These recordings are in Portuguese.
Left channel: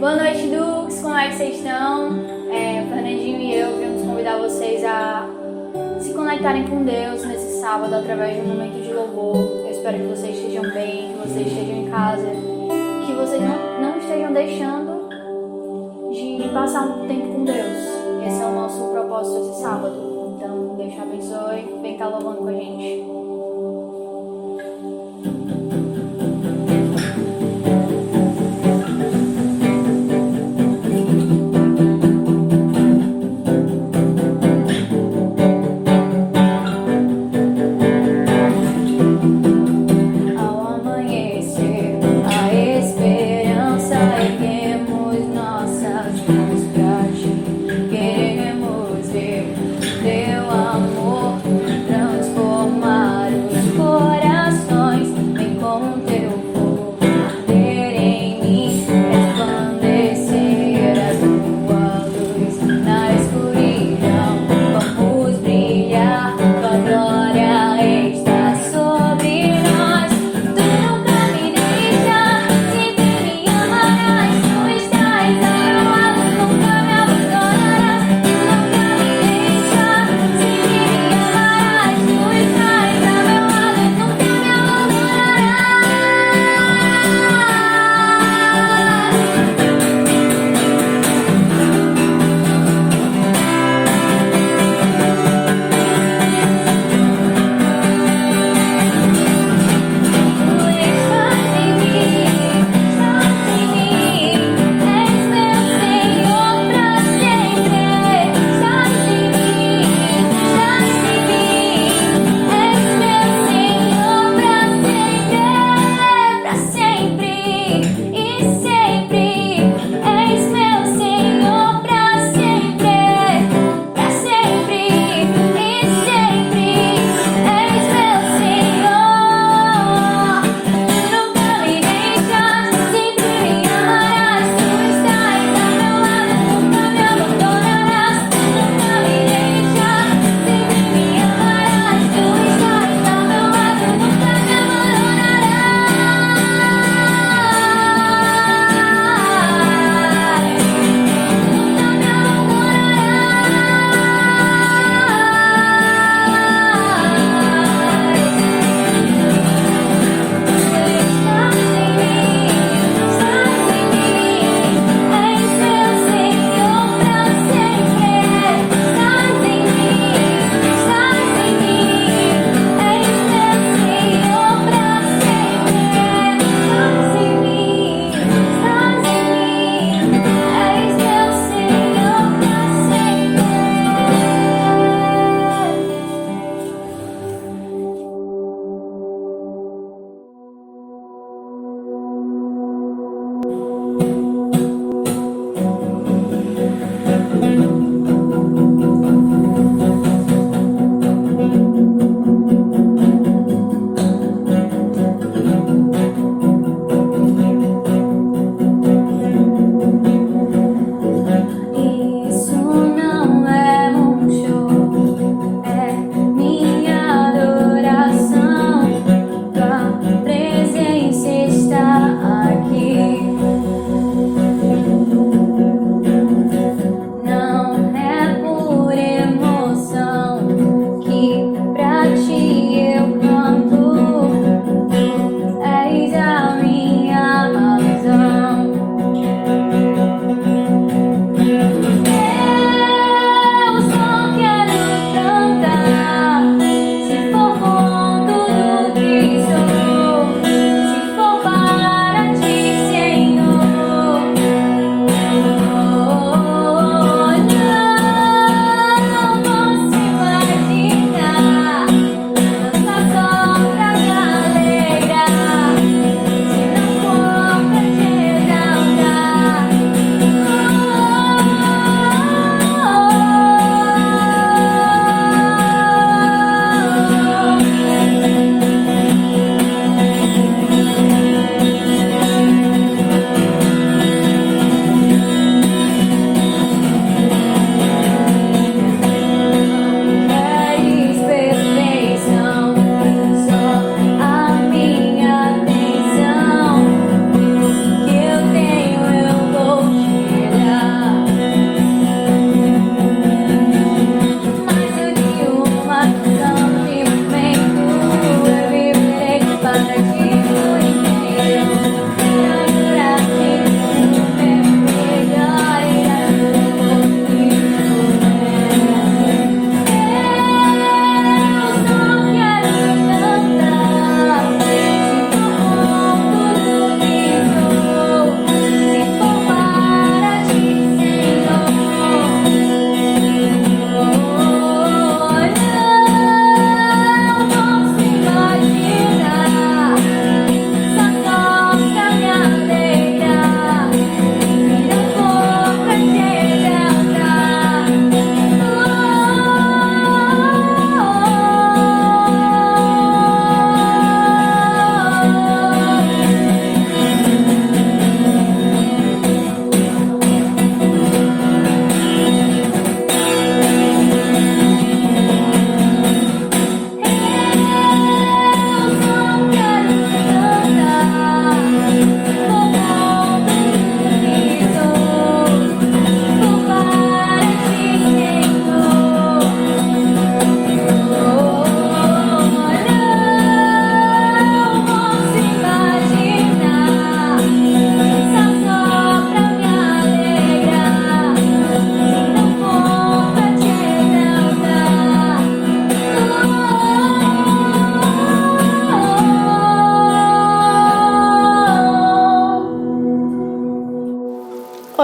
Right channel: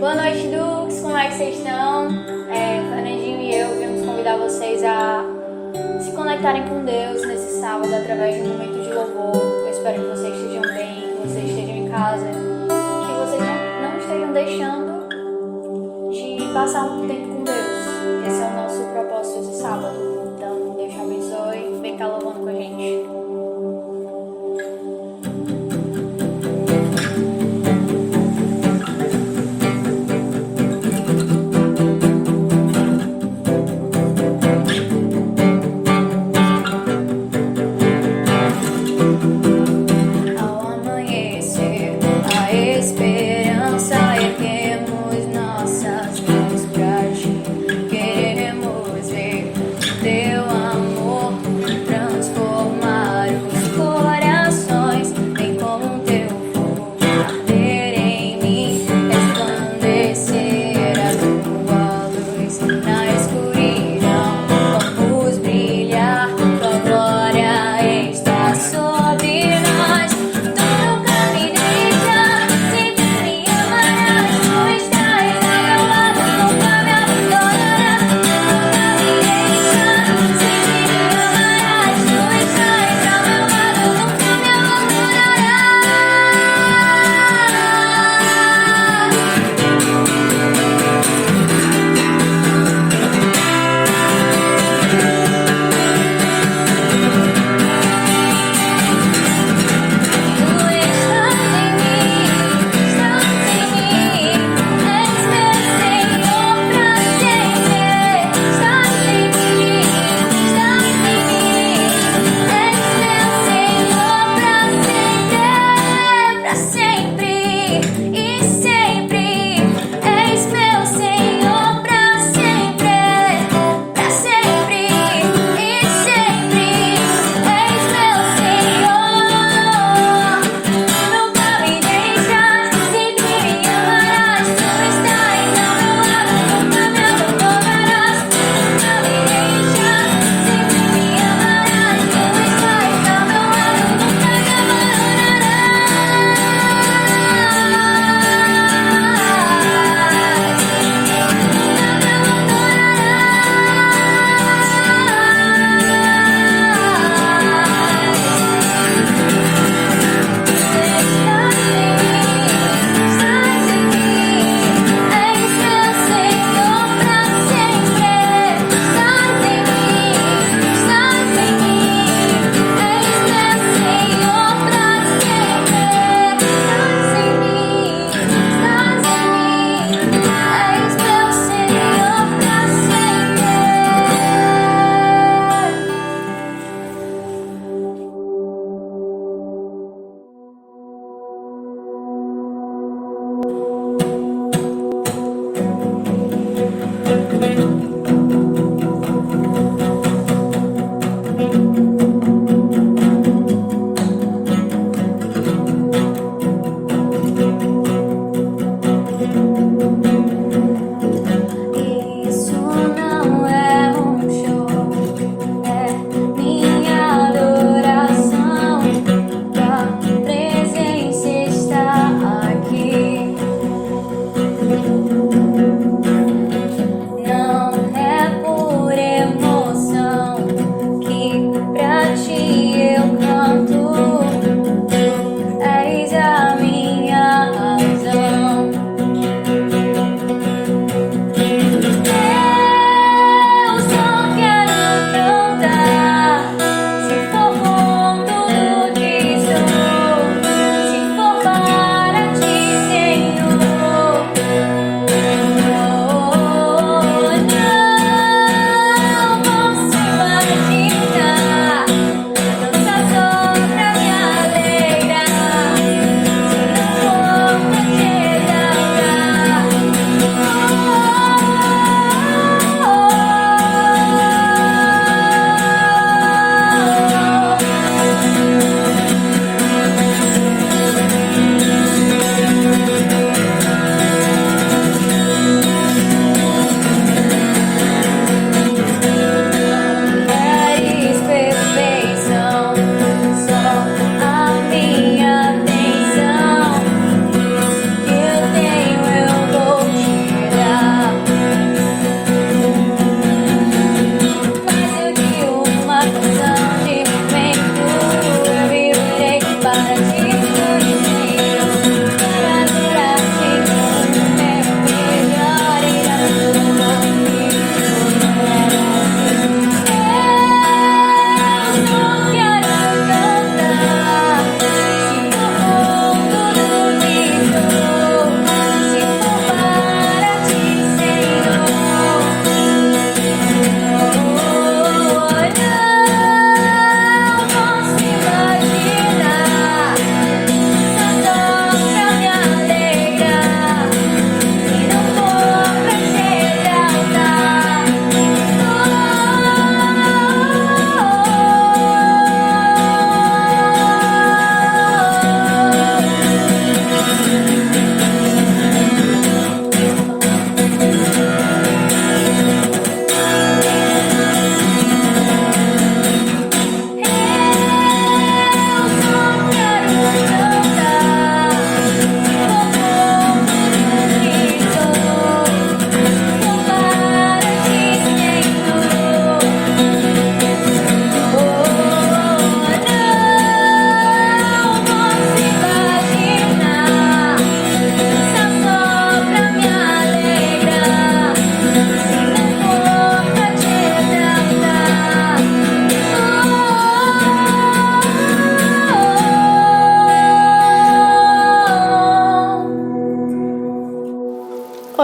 Boa noite, Dux, como é que vocês estão? O Fernandinho e eu viemos convidar vocês a se conectarem com Deus nesse sábado através de um momento de louvor. Eu espero que vocês estejam bem, que vocês estejam em casa, que vocês não estejam deixando de passar um tempo com Deus. Esse é o nosso propósito esse sábado. Então, Deus te abençoe, vem cá louvando com a gente. Queremos ver teu amor transformar.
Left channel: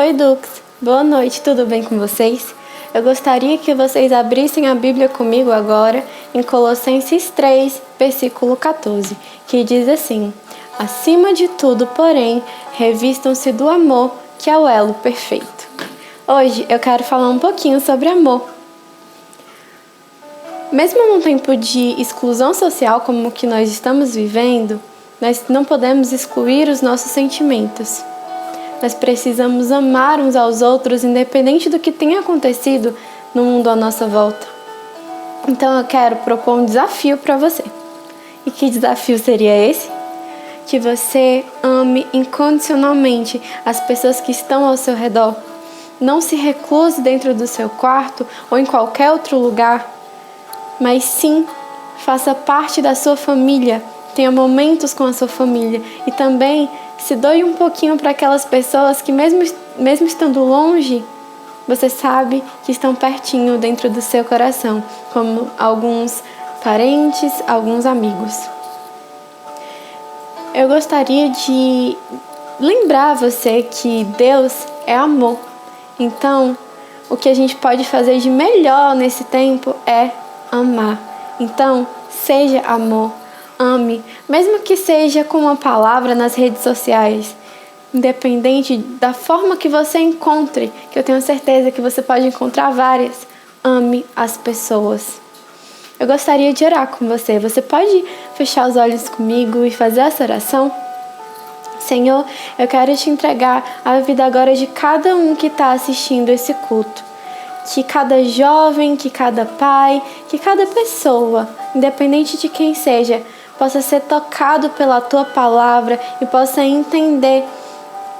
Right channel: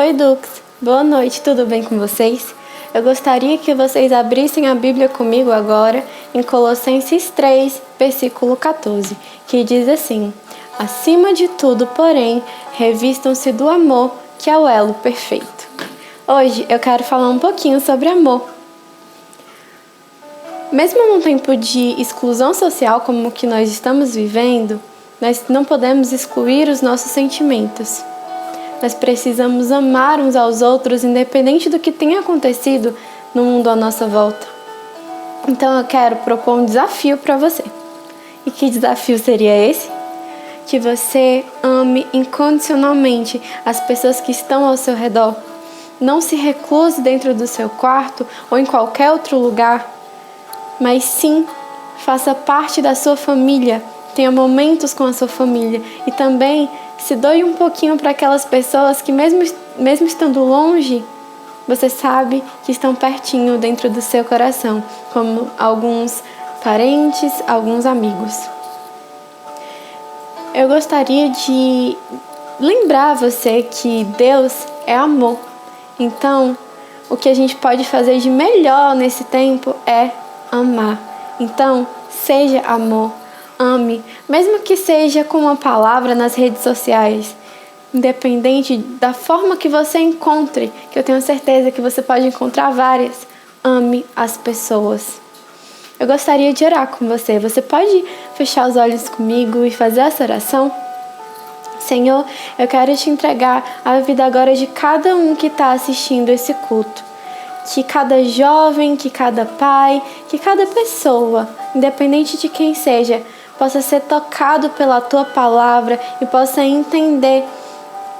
Oi, Dux. Boa noite, tudo bem com vocês? Eu gostaria que vocês abrissem a Bíblia comigo agora em Colossenses 3, versículo 14, que diz assim: acima de tudo, porém, revistam-se do amor, que é o elo perfeito. Hoje eu quero falar um pouquinho sobre amor. Mesmo num tempo de exclusão social como o que nós estamos vivendo, nós não podemos excluir os nossos sentimentos. Nós precisamos amar uns aos outros, independente do que tenha acontecido no mundo à nossa volta. Então eu quero propor um desafio para você. E que desafio seria esse? Que você ame incondicionalmente as pessoas que estão ao seu redor. Não se recluse dentro do seu quarto ou em qualquer outro lugar, mas sim faça parte da sua família. Tenha momentos com a sua família e também se doe um pouquinho para aquelas pessoas que mesmo estando longe, você sabe que estão pertinho dentro do seu coração, como alguns parentes, alguns amigos. Eu gostaria de lembrar você que Deus é amor. Então, o que a gente pode fazer de melhor nesse tempo é amar. Então, seja amor. Ame, mesmo que seja com uma palavra nas redes sociais, independente da forma que você encontre, que eu tenho certeza que você pode encontrar várias, ame as pessoas. Eu gostaria de orar com você. Você pode fechar os olhos comigo e fazer essa oração? Senhor, eu quero te entregar a vida agora de cada um que está assistindo esse culto. Que cada jovem, que cada pai, que cada pessoa, independente de quem seja, possa ser tocado pela Tua palavra e possa entender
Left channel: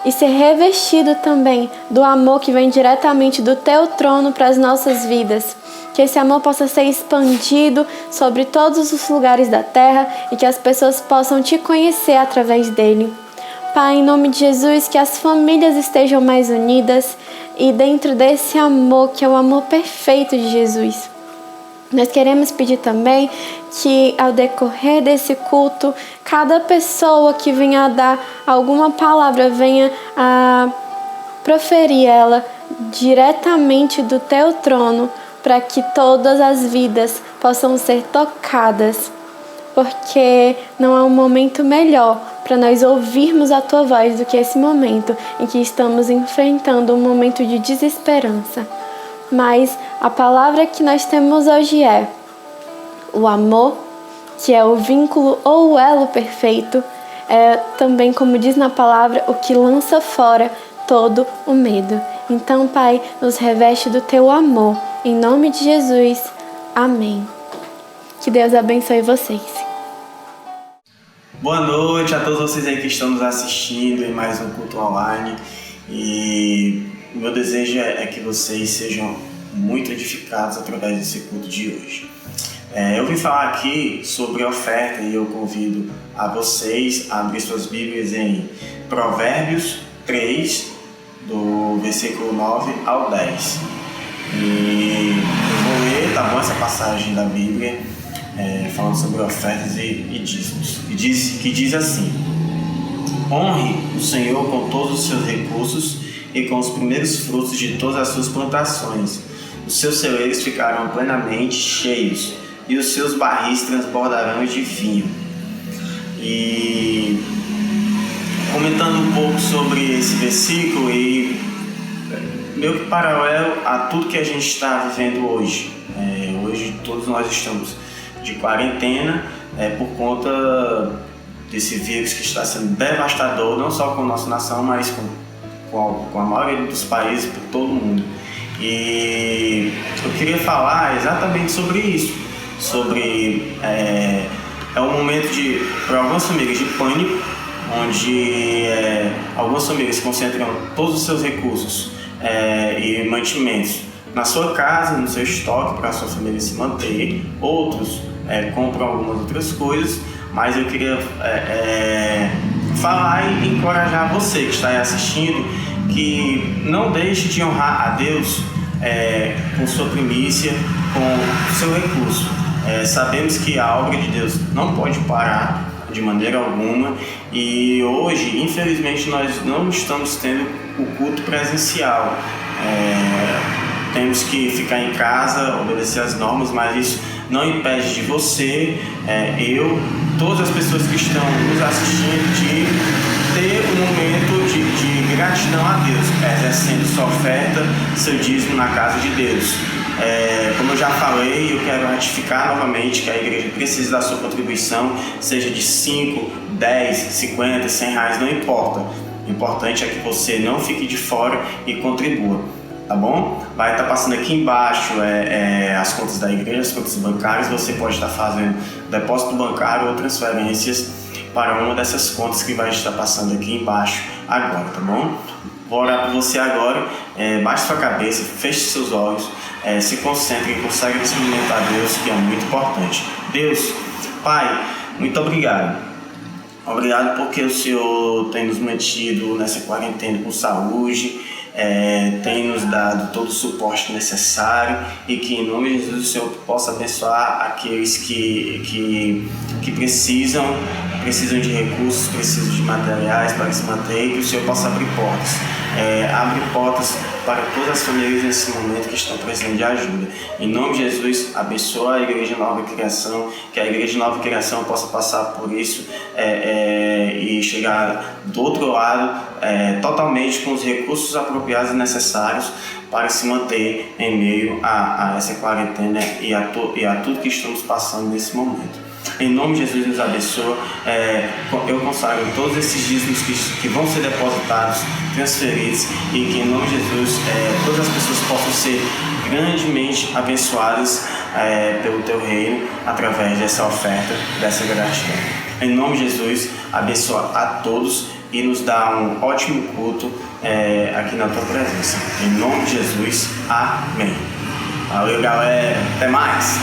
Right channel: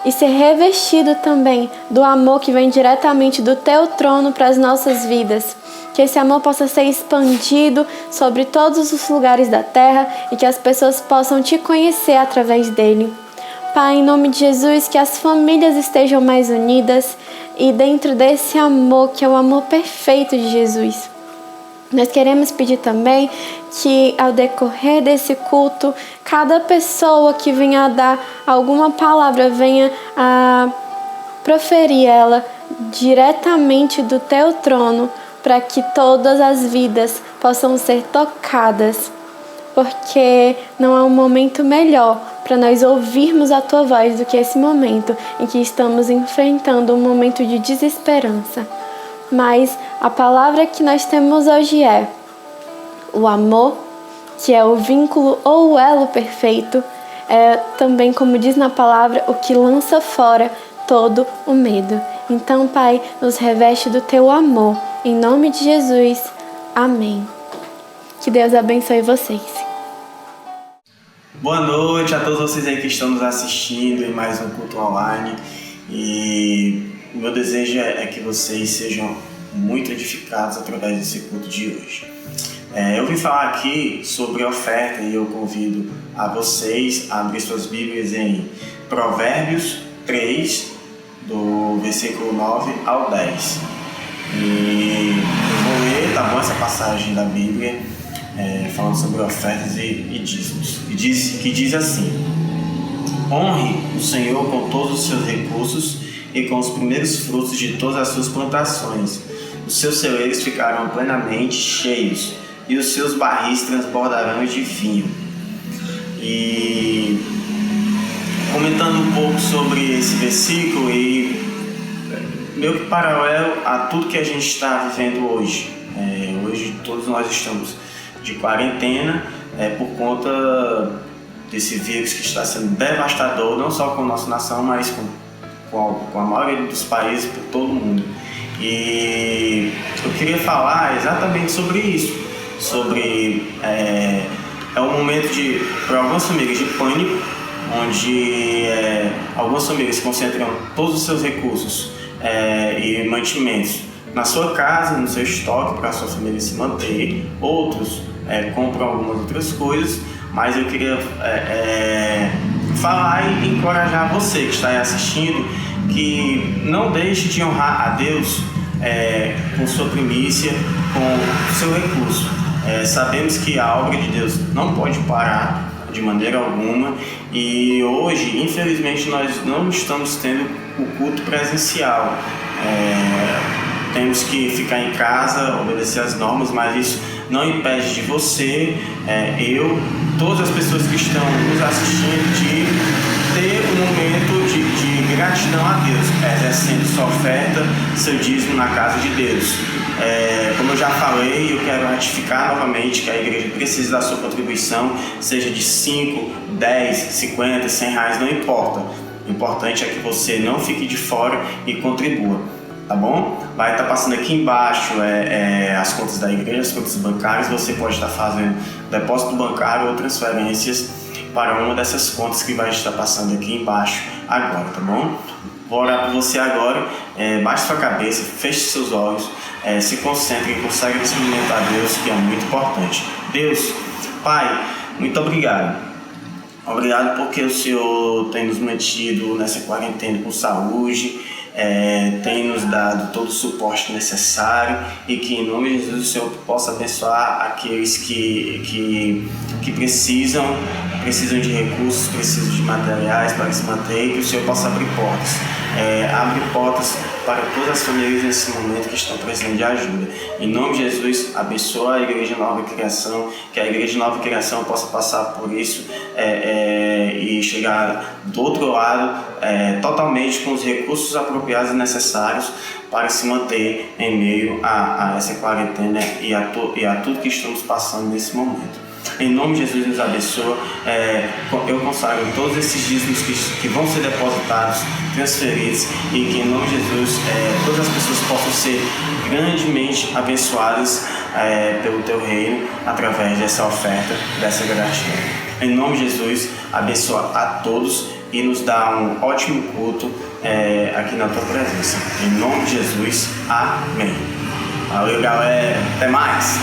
e ser revestido também do amor que vem diretamente do Teu trono para as nossas vidas. Que esse amor possa ser expandido sobre todos os lugares da terra e que as pessoas possam Te conhecer através dele. Pai, em nome de Jesus, que as famílias estejam mais unidas e dentro desse amor, que é o amor perfeito de Jesus. Nós queremos pedir também que ao decorrer desse culto, cada pessoa que venha a dar alguma palavra, venha a proferir ela diretamente do Teu trono, para que todas as vidas possam ser tocadas, porque não há um momento melhor para nós ouvirmos a Tua voz do que esse momento em que estamos enfrentando um momento de desesperança. Mas a palavra que nós temos hoje é o amor, que é o vínculo ou o elo perfeito, é também, como diz na palavra, o que lança fora todo o medo. Então, Pai, nos reveste do Teu amor. Em nome de Jesus. Amém. Que Deus abençoe vocês. Boa noite a todos vocês aí que estão nos assistindo em mais um culto online. E o meu desejo é que vocês sejam muito edificados através desse culto de hoje. Eu vim falar aqui sobre oferta e eu convido a vocês a abrir suas Bíblias em Provérbios 3, do versículo 9 ao 10. E eu vou ler, tá bom, essa passagem da Bíblia, falando sobre ofertas e dízimos. Que diz assim: honre o Senhor com todos os seus recursos e com os primeiros frutos de todas as suas plantações. Os seus celeiros ficarão plenamente cheios e os seus barris transbordarão de vinho. E comentando um pouco sobre esse versículo e meio que paralelo a tudo que a gente está vivendo hoje. Hoje todos nós estamos de quarentena por conta desse vírus que está sendo devastador, não só com a nossa nação, mas com a maioria dos países por todo o mundo. E eu queria falar exatamente sobre isso, sobre um momento para algumas famílias de pânico, onde algumas famílias concentram todos os seus recursos e mantimentos na sua casa, no seu estoque, para a sua família se manter. Outros compram algumas outras coisas, mas eu queria falar e encorajar você que está aí assistindo, que não deixe de honrar a Deus com sua primícia, com seu recurso. Sabemos que a obra de Deus não pode parar de maneira alguma E hoje, infelizmente, nós não estamos tendo o culto presencial. Temos que ficar em casa, obedecer as normas, mas isso não impede de você, eu, todas as pessoas que estão nos assistindo, de ter um momento de gratidão a Deus, exercendo sua oferta, seu dízimo na casa de Deus. Como eu já falei, eu quero ratificar novamente que a igreja precisa da sua contribuição, seja de 5, 10, 50, 100 reais, não importa. O importante é que você não fique de fora e contribua, tá bom? Vai estar passando aqui embaixo as contas da igreja, as contas bancárias. Você pode estar fazendo depósito bancário ou transferências para uma dessas contas que vai estar passando aqui embaixo agora, tá bom? Vou orar por você agora. Baixe sua cabeça, feche seus olhos, se concentre e consagra esse momento a Deus, que é muito importante. Deus, Pai, muito obrigado. Obrigado porque o Senhor tem nos mantido nessa quarentena com saúde, tem nos dado todo o suporte necessário, e que em nome de Jesus o Senhor possa abençoar aqueles que precisam de recursos, precisam de materiais para se manter, e que o Senhor possa abrir portas. Abre portas para todas as famílias nesse momento que estão precisando de ajuda. Em nome de Jesus, abençoa a Igreja Nova Criação, que a Igreja Nova Criação possa passar por isso e chegar do outro lado totalmente com os recursos apropriados e necessários para se manter em meio a essa quarentena e a tudo que estamos passando nesse momento. Em nome de Jesus, nos abençoa. Eu consagro todos esses dízimos que vão ser depositados, transferidos, e que em nome de Jesus todas as pessoas possam ser grandemente abençoadas pelo Teu reino através dessa oferta, dessa gratidão. Em nome de Jesus, abençoa a todos e nos dá um ótimo culto aqui na Tua presença. Em nome de Jesus, amém. Valeu, galera. Até mais.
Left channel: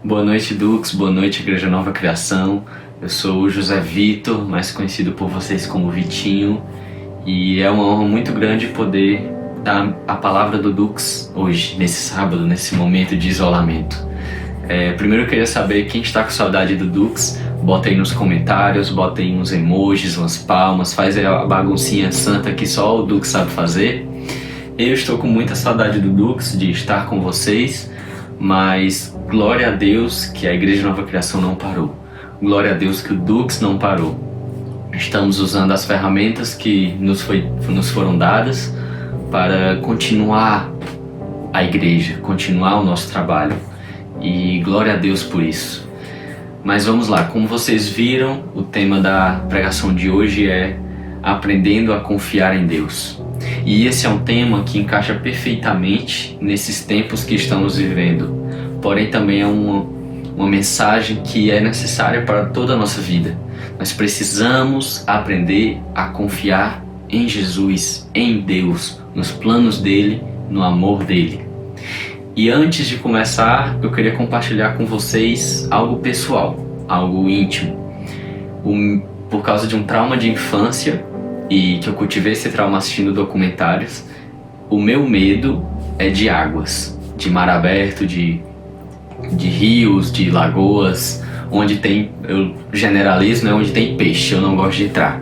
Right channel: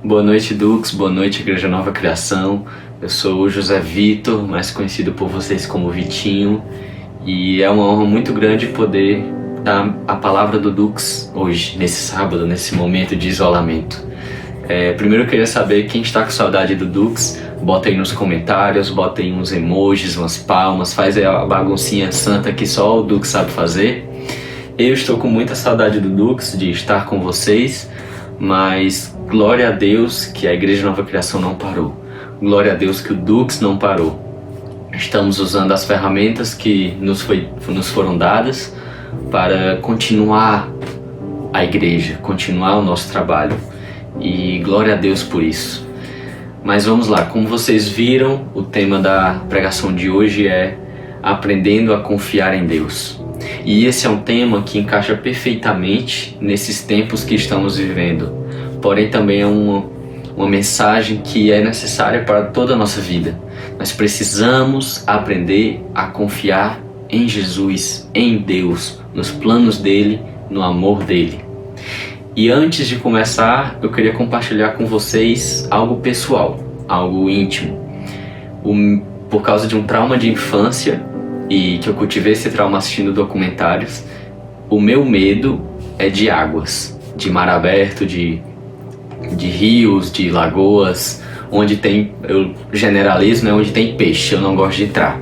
Boa noite, Dux. Boa noite, Igreja Nova Criação. Eu sou o José Vitor, mais conhecido por vocês como Vitinho, e é uma honra muito grande poder dar a palavra do Dux hoje, nesse sábado, nesse momento de isolamento. Primeiro eu queria saber quem está com saudade do Dux. Bota aí nos comentários, bota aí uns emojis, umas palmas, faz aí a baguncinha santa que só o Dux sabe fazer. Eu estou com muita saudade do Dux, de estar com vocês, mas glória a Deus que a Igreja Nova Criação não parou. Glória a Deus que o Dux não parou. Estamos usando as ferramentas que nos foram dadas para continuar a igreja, continuar o nosso trabalho. E glória a Deus por isso. Mas vamos lá, como vocês viram, o tema da pregação de hoje é aprendendo a confiar em Deus. E esse é um tema que encaixa perfeitamente nesses tempos que estamos vivendo. Porém, também é uma mensagem que é necessária para toda a nossa vida. Nós precisamos aprender a confiar em Jesus, em Deus, nos planos dele, no amor dele. E antes de começar, eu queria compartilhar com vocês algo pessoal, algo íntimo. Por causa de um trauma de infância, e que eu cultivei esse trauma assistindo documentários, o meu medo é de águas, de mar aberto, de rios, de lagoas, onde tem, eu generalizo, né, onde tem peixe, eu não gosto de entrar.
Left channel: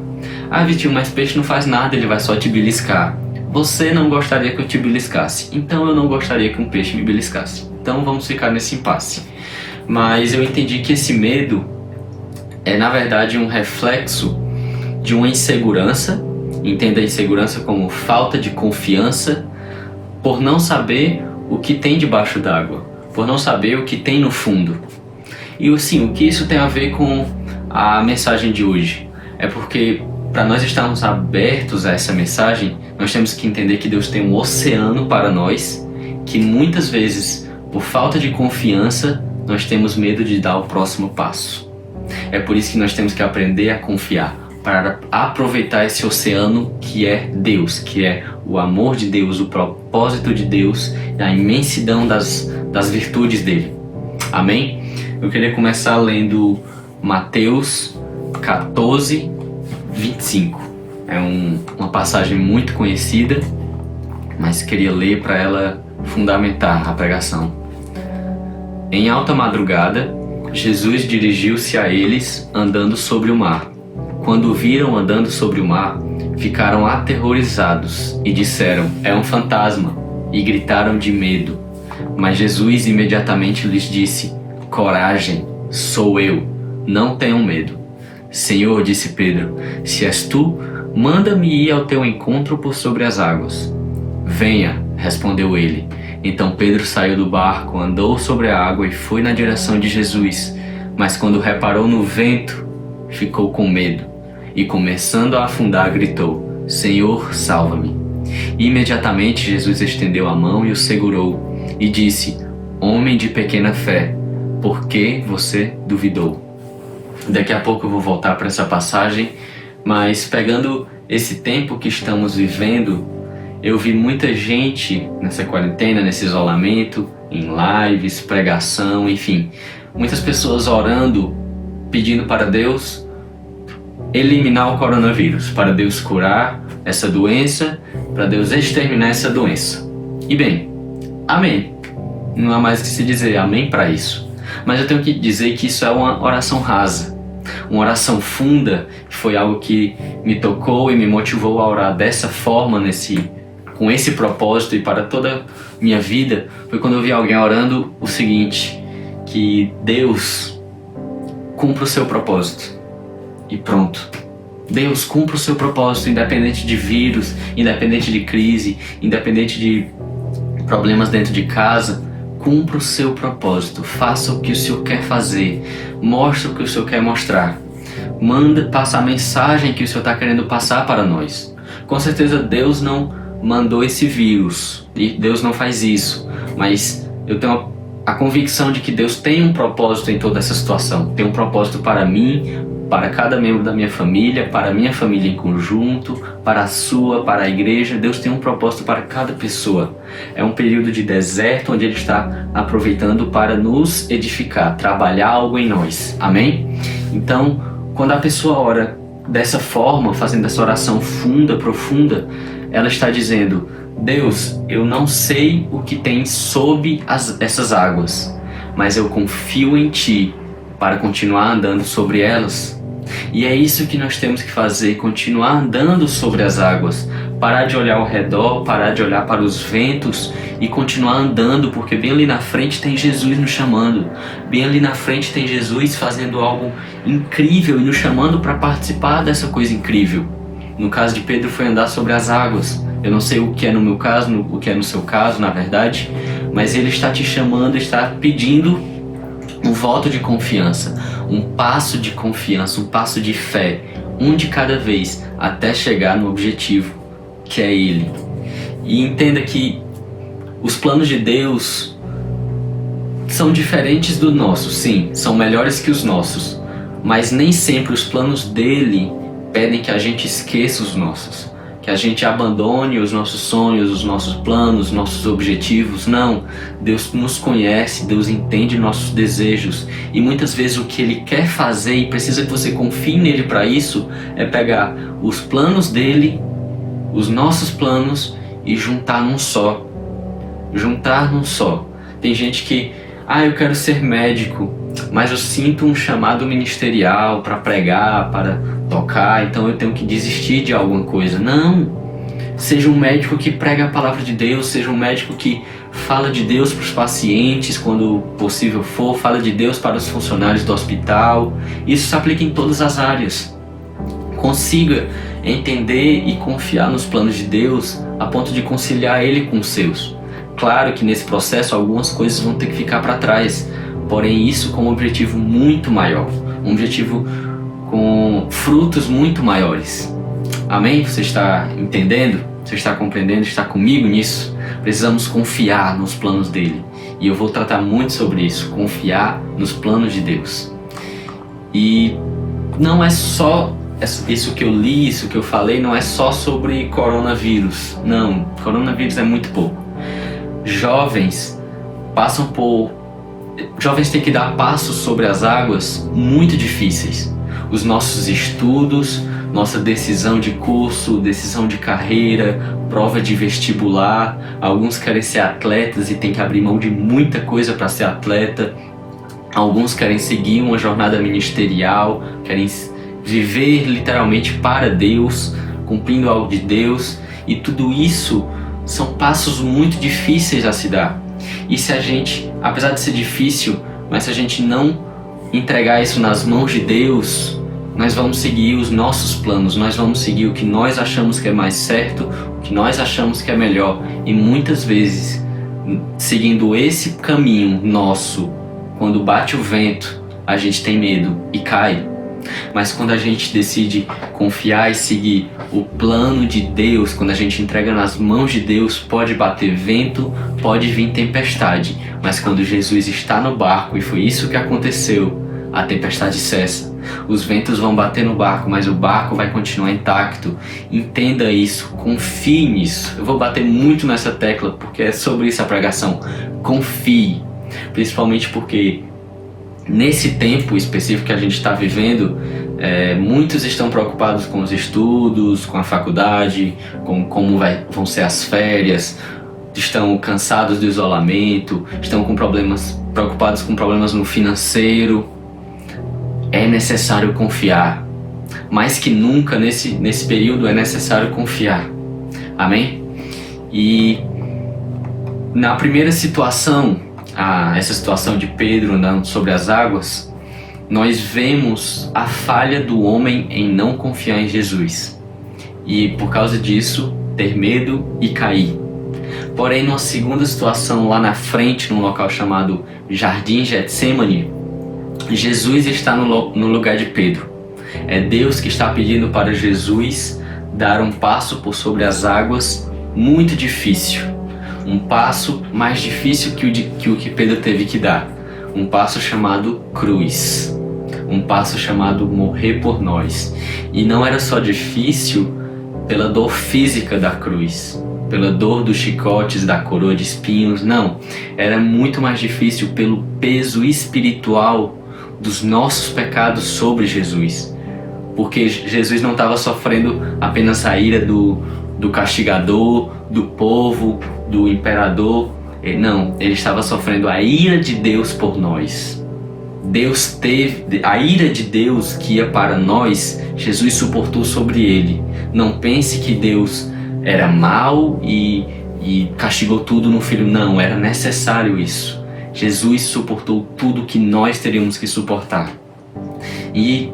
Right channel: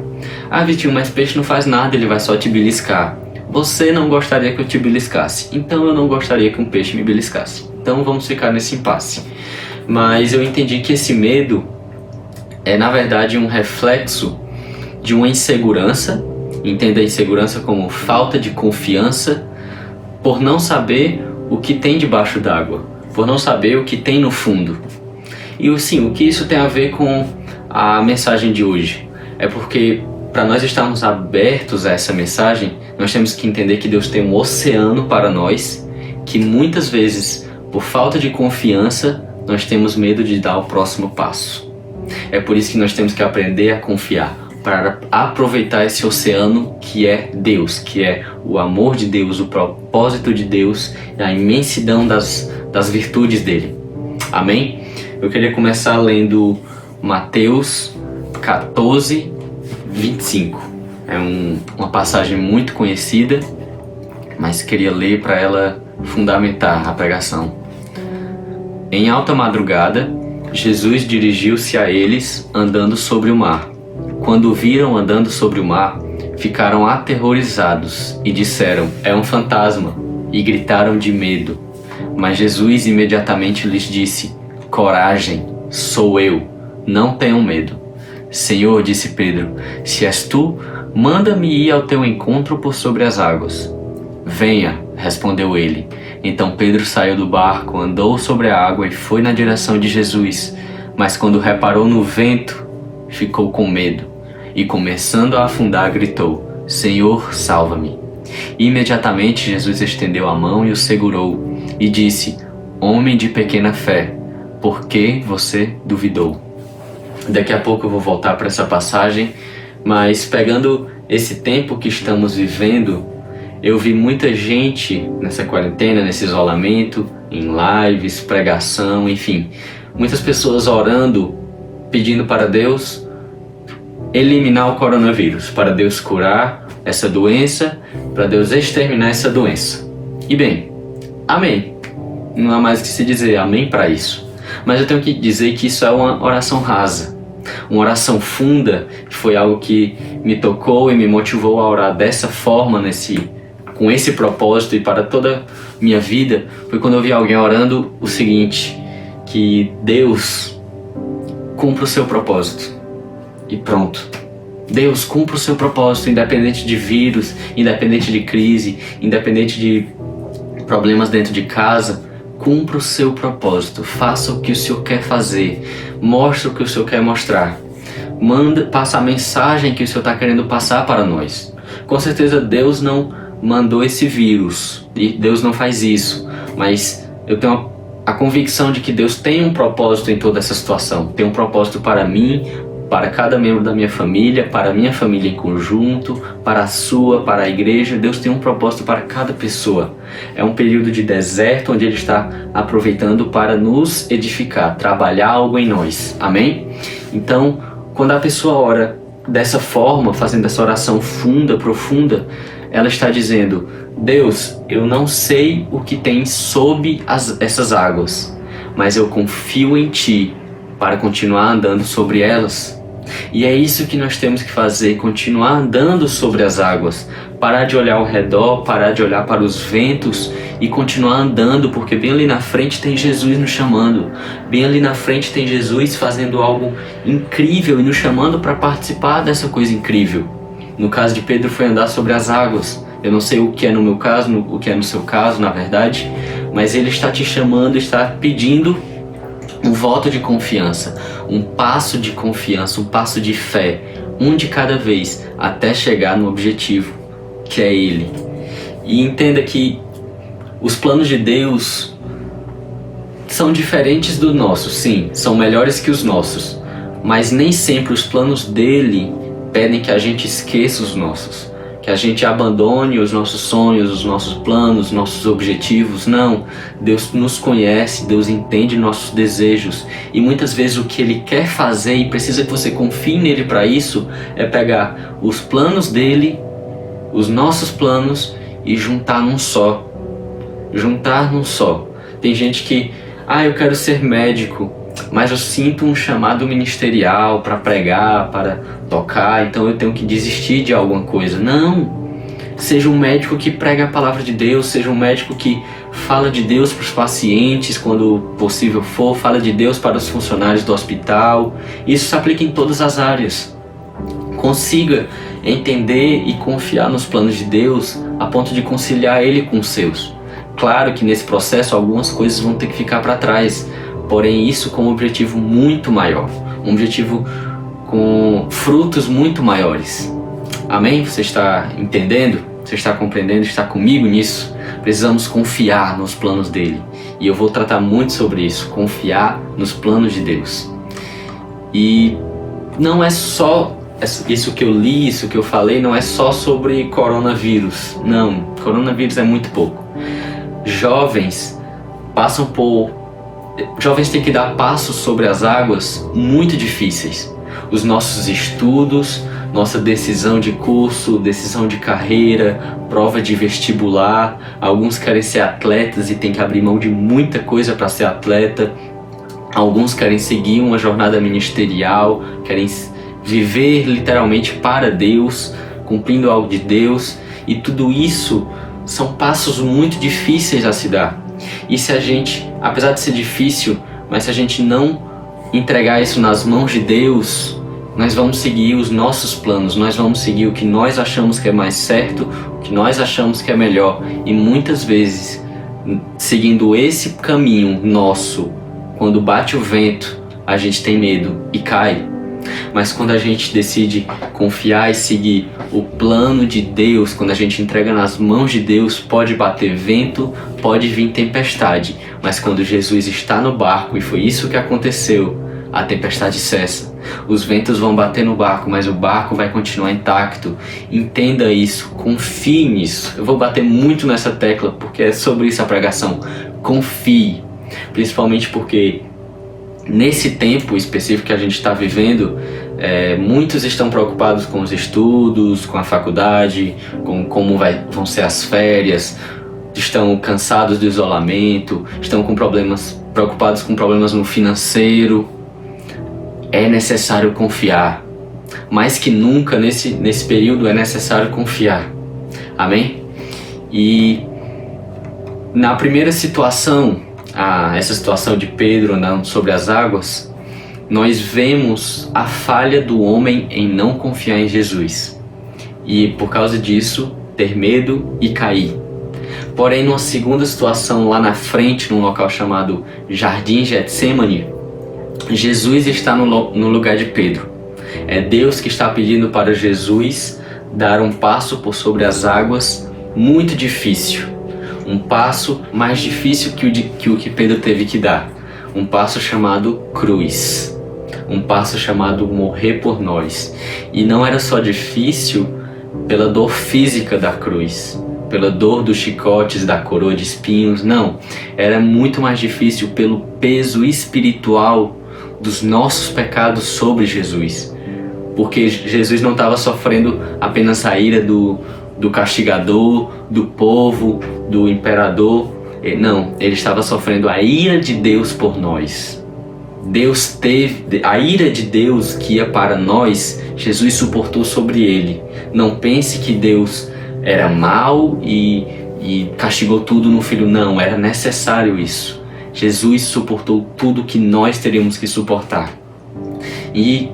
Ah, Vitinho, mas peixe não faz nada, ele vai só te beliscar. Você não gostaria que eu te beliscasse, então eu não gostaria que um peixe me beliscasse. Então vamos ficar nesse impasse. Mas eu entendi que esse medo é, na verdade, um reflexo de uma insegurança. Entenda a insegurança como falta de confiança por não saber o que tem debaixo d'água, por não saber o que tem no fundo. E assim, o que isso tem a ver com a mensagem de hoje? É porque para nós estarmos abertos a essa mensagem, nós temos que entender que Deus tem um oceano para nós, que muitas vezes, por falta de confiança, nós temos medo de dar o próximo passo. É por isso que nós temos que aprender a confiar, para aproveitar esse oceano que é Deus, que é o amor de Deus, o propósito de Deus, a imensidão das virtudes dele. Amém? Eu queria começar lendo Mateus 14, 25. É uma passagem muito conhecida, mas queria ler para ela fundamentar a pregação. Em alta madrugada, Jesus dirigiu-se a eles andando sobre o mar. Quando o viram andando sobre o mar, ficaram aterrorizados e disseram: "É um fantasma", e gritaram de medo. Mas Jesus imediatamente lhes disse: "Coragem, sou eu, não tenham medo." "Senhor", disse Pedro, "se és tu, manda-me ir ao teu encontro por sobre as águas." "Venha", respondeu ele. Então Pedro saiu do barco, andou sobre a água e foi na direção de Jesus. Mas quando reparou no vento, ficou com medo e, começando a afundar, gritou: "Senhor, salva-me." Imediatamente Jesus estendeu a mão e o segurou e disse: "Homem de pequena fé, por que você duvidou?" Daqui a pouco eu vou voltar para essa passagem, mas pegando esse tempo que estamos vivendo, eu vi muita gente nessa quarentena, nesse isolamento, em lives, pregação, enfim, muitas pessoas orando, pedindo para Deus eliminar o coronavírus, para Deus curar essa doença, para Deus exterminar essa doença. E bem, amém. Não há mais o que se dizer, amém para isso. Mas eu tenho que dizer que isso é uma oração rasa, uma oração funda, que foi algo que me tocou e me motivou a orar dessa forma, com esse propósito e para toda a minha vida. Foi quando eu vi alguém orando o seguinte: que Deus cumpra o seu propósito. E pronto. Deus cumpra o seu propósito, independente de vírus, independente de crise, independente de problemas dentro de casa. Cumpra o seu propósito, faça o que o Senhor quer fazer, mostre o que o Senhor quer mostrar, passa a mensagem que o Senhor está querendo passar para nós. Com certeza Deus não mandou esse vírus, e Deus não faz isso, mas eu tenho a convicção de que Deus tem um propósito em toda essa situação, tem um propósito para mim, para cada membro da minha família, para a minha família em conjunto, para a sua, para a igreja. Deus tem um propósito para cada pessoa. É um período de deserto onde Ele está aproveitando para nos edificar, trabalhar algo em nós. Amém? Então, quando a pessoa ora dessa forma, fazendo essa oração funda, profunda, ela está dizendo: Deus, eu não sei o que tem sob essas águas, mas eu confio em Ti para continuar andando sobre elas. E é isso que nós temos que fazer, continuar andando sobre as águas, parar de olhar ao redor, parar de olhar para os ventos e continuar andando, porque bem ali na frente tem Jesus nos chamando, bem ali na frente tem Jesus fazendo algo incrível e nos chamando para participar dessa coisa incrível. No caso de Pedro foi andar sobre as águas. Eu não sei o que é no meu caso, o que é no seu caso, na verdade, mas Ele está te chamando, está pedindo um voto de confiança, um passo de confiança, um passo de fé, um de cada vez, até chegar no objetivo, que é Ele. E entenda que os planos de Deus são diferentes dos nossos, sim, são melhores que os nossos, mas nem sempre os planos dele pedem que a gente esqueça os nossos, que a gente abandone os nossos sonhos, os nossos planos, nossos objetivos. Não, Deus nos conhece, Deus entende nossos desejos, e muitas vezes o que Ele quer fazer, e precisa que você confie nele para isso, é pegar os planos dele, os nossos planos, e juntar num só. Juntar num só. Tem gente que, eu quero ser médico, mas eu sinto um chamado ministerial para pregar, para tocar, então eu tenho que desistir de alguma coisa. Não! Seja um médico que prega a palavra de Deus, seja um médico que fala de Deus para os pacientes quando possível for, fala de Deus para os funcionários do hospital. Isso se aplica em todas as áreas. Consiga entender e confiar nos planos de Deus a ponto de conciliar Ele com os seus. Claro que nesse processo algumas coisas vão ter que ficar para trás, porém isso com um objetivo muito maior, um objetivo com frutos muito maiores. Amém? Você está entendendo? Você está compreendendo? Está comigo nisso? Precisamos confiar nos planos dele E eu vou tratar muito sobre isso, confiar nos planos de Deus. E não é só isso que eu li, isso que eu falei, não é só sobre coronavírus. Não, coronavírus é muito pouco. Jovens têm que dar passos sobre as águas muito difíceis. Os nossos estudos, nossa decisão de curso, decisão de carreira, prova de vestibular. Alguns querem ser atletas e têm que abrir mão de muita coisa para ser atleta. Alguns querem seguir uma jornada ministerial, querem viver literalmente para Deus, cumprindo algo de Deus. E tudo isso são passos muito difíceis a se dar. E se a gente, apesar de ser difícil, mas se a gente não entregar isso nas mãos de Deus, nós vamos seguir os nossos planos, nós vamos seguir o que nós achamos que é mais certo, o que nós achamos que é melhor. E muitas vezes, seguindo esse caminho nosso, quando bate o vento, a gente tem medo e cai. Mas quando a gente decide confiar e seguir o plano de Deus, quando a gente entrega nas mãos de Deus, pode bater vento, pode vir tempestade, mas quando Jesus está no barco, e foi isso que aconteceu, a tempestade cessa. Os ventos vão bater no barco, mas o barco vai continuar intacto. Entenda isso, confie nisso. Eu vou bater muito nessa tecla porque é sobre isso a pregação. Confie, principalmente porque nesse tempo específico que a gente está vivendo, muitos estão preocupados com os estudos, com a faculdade, com como vão ser as férias, estão cansados do isolamento, estão preocupados com problemas no financeiro. É necessário confiar. Mais que nunca nesse período é necessário confiar. Amém? E na primeira situação, essa situação de Pedro andando sobre as águas, nós vemos a falha do homem em não confiar em Jesus e por causa disso ter medo e cair. Porém, numa segunda situação lá na frente, num local chamado Jardim Getsêmani, Jesus está no lugar de Pedro. É Deus que está pedindo para Jesus dar um passo por sobre as águas muito difícil. Um passo mais difícil que o que Pedro teve que dar. Um passo chamado cruz. Um passo chamado morrer por nós. E não era só difícil pela dor física da cruz, pela dor dos chicotes, da coroa de espinhos, não. Era muito mais difícil pelo peso espiritual dos nossos pecados sobre Jesus. Porque Jesus não estava sofrendo apenas a ira do castigador, do povo, do imperador. Não, ele estava sofrendo a ira de Deus por nós. A ira de Deus que ia para nós, Jesus suportou sobre ele. Não pense que Deus era mau e castigou tudo no Filho. Não, era necessário isso. Jesus suportou tudo que nós teríamos que suportar. E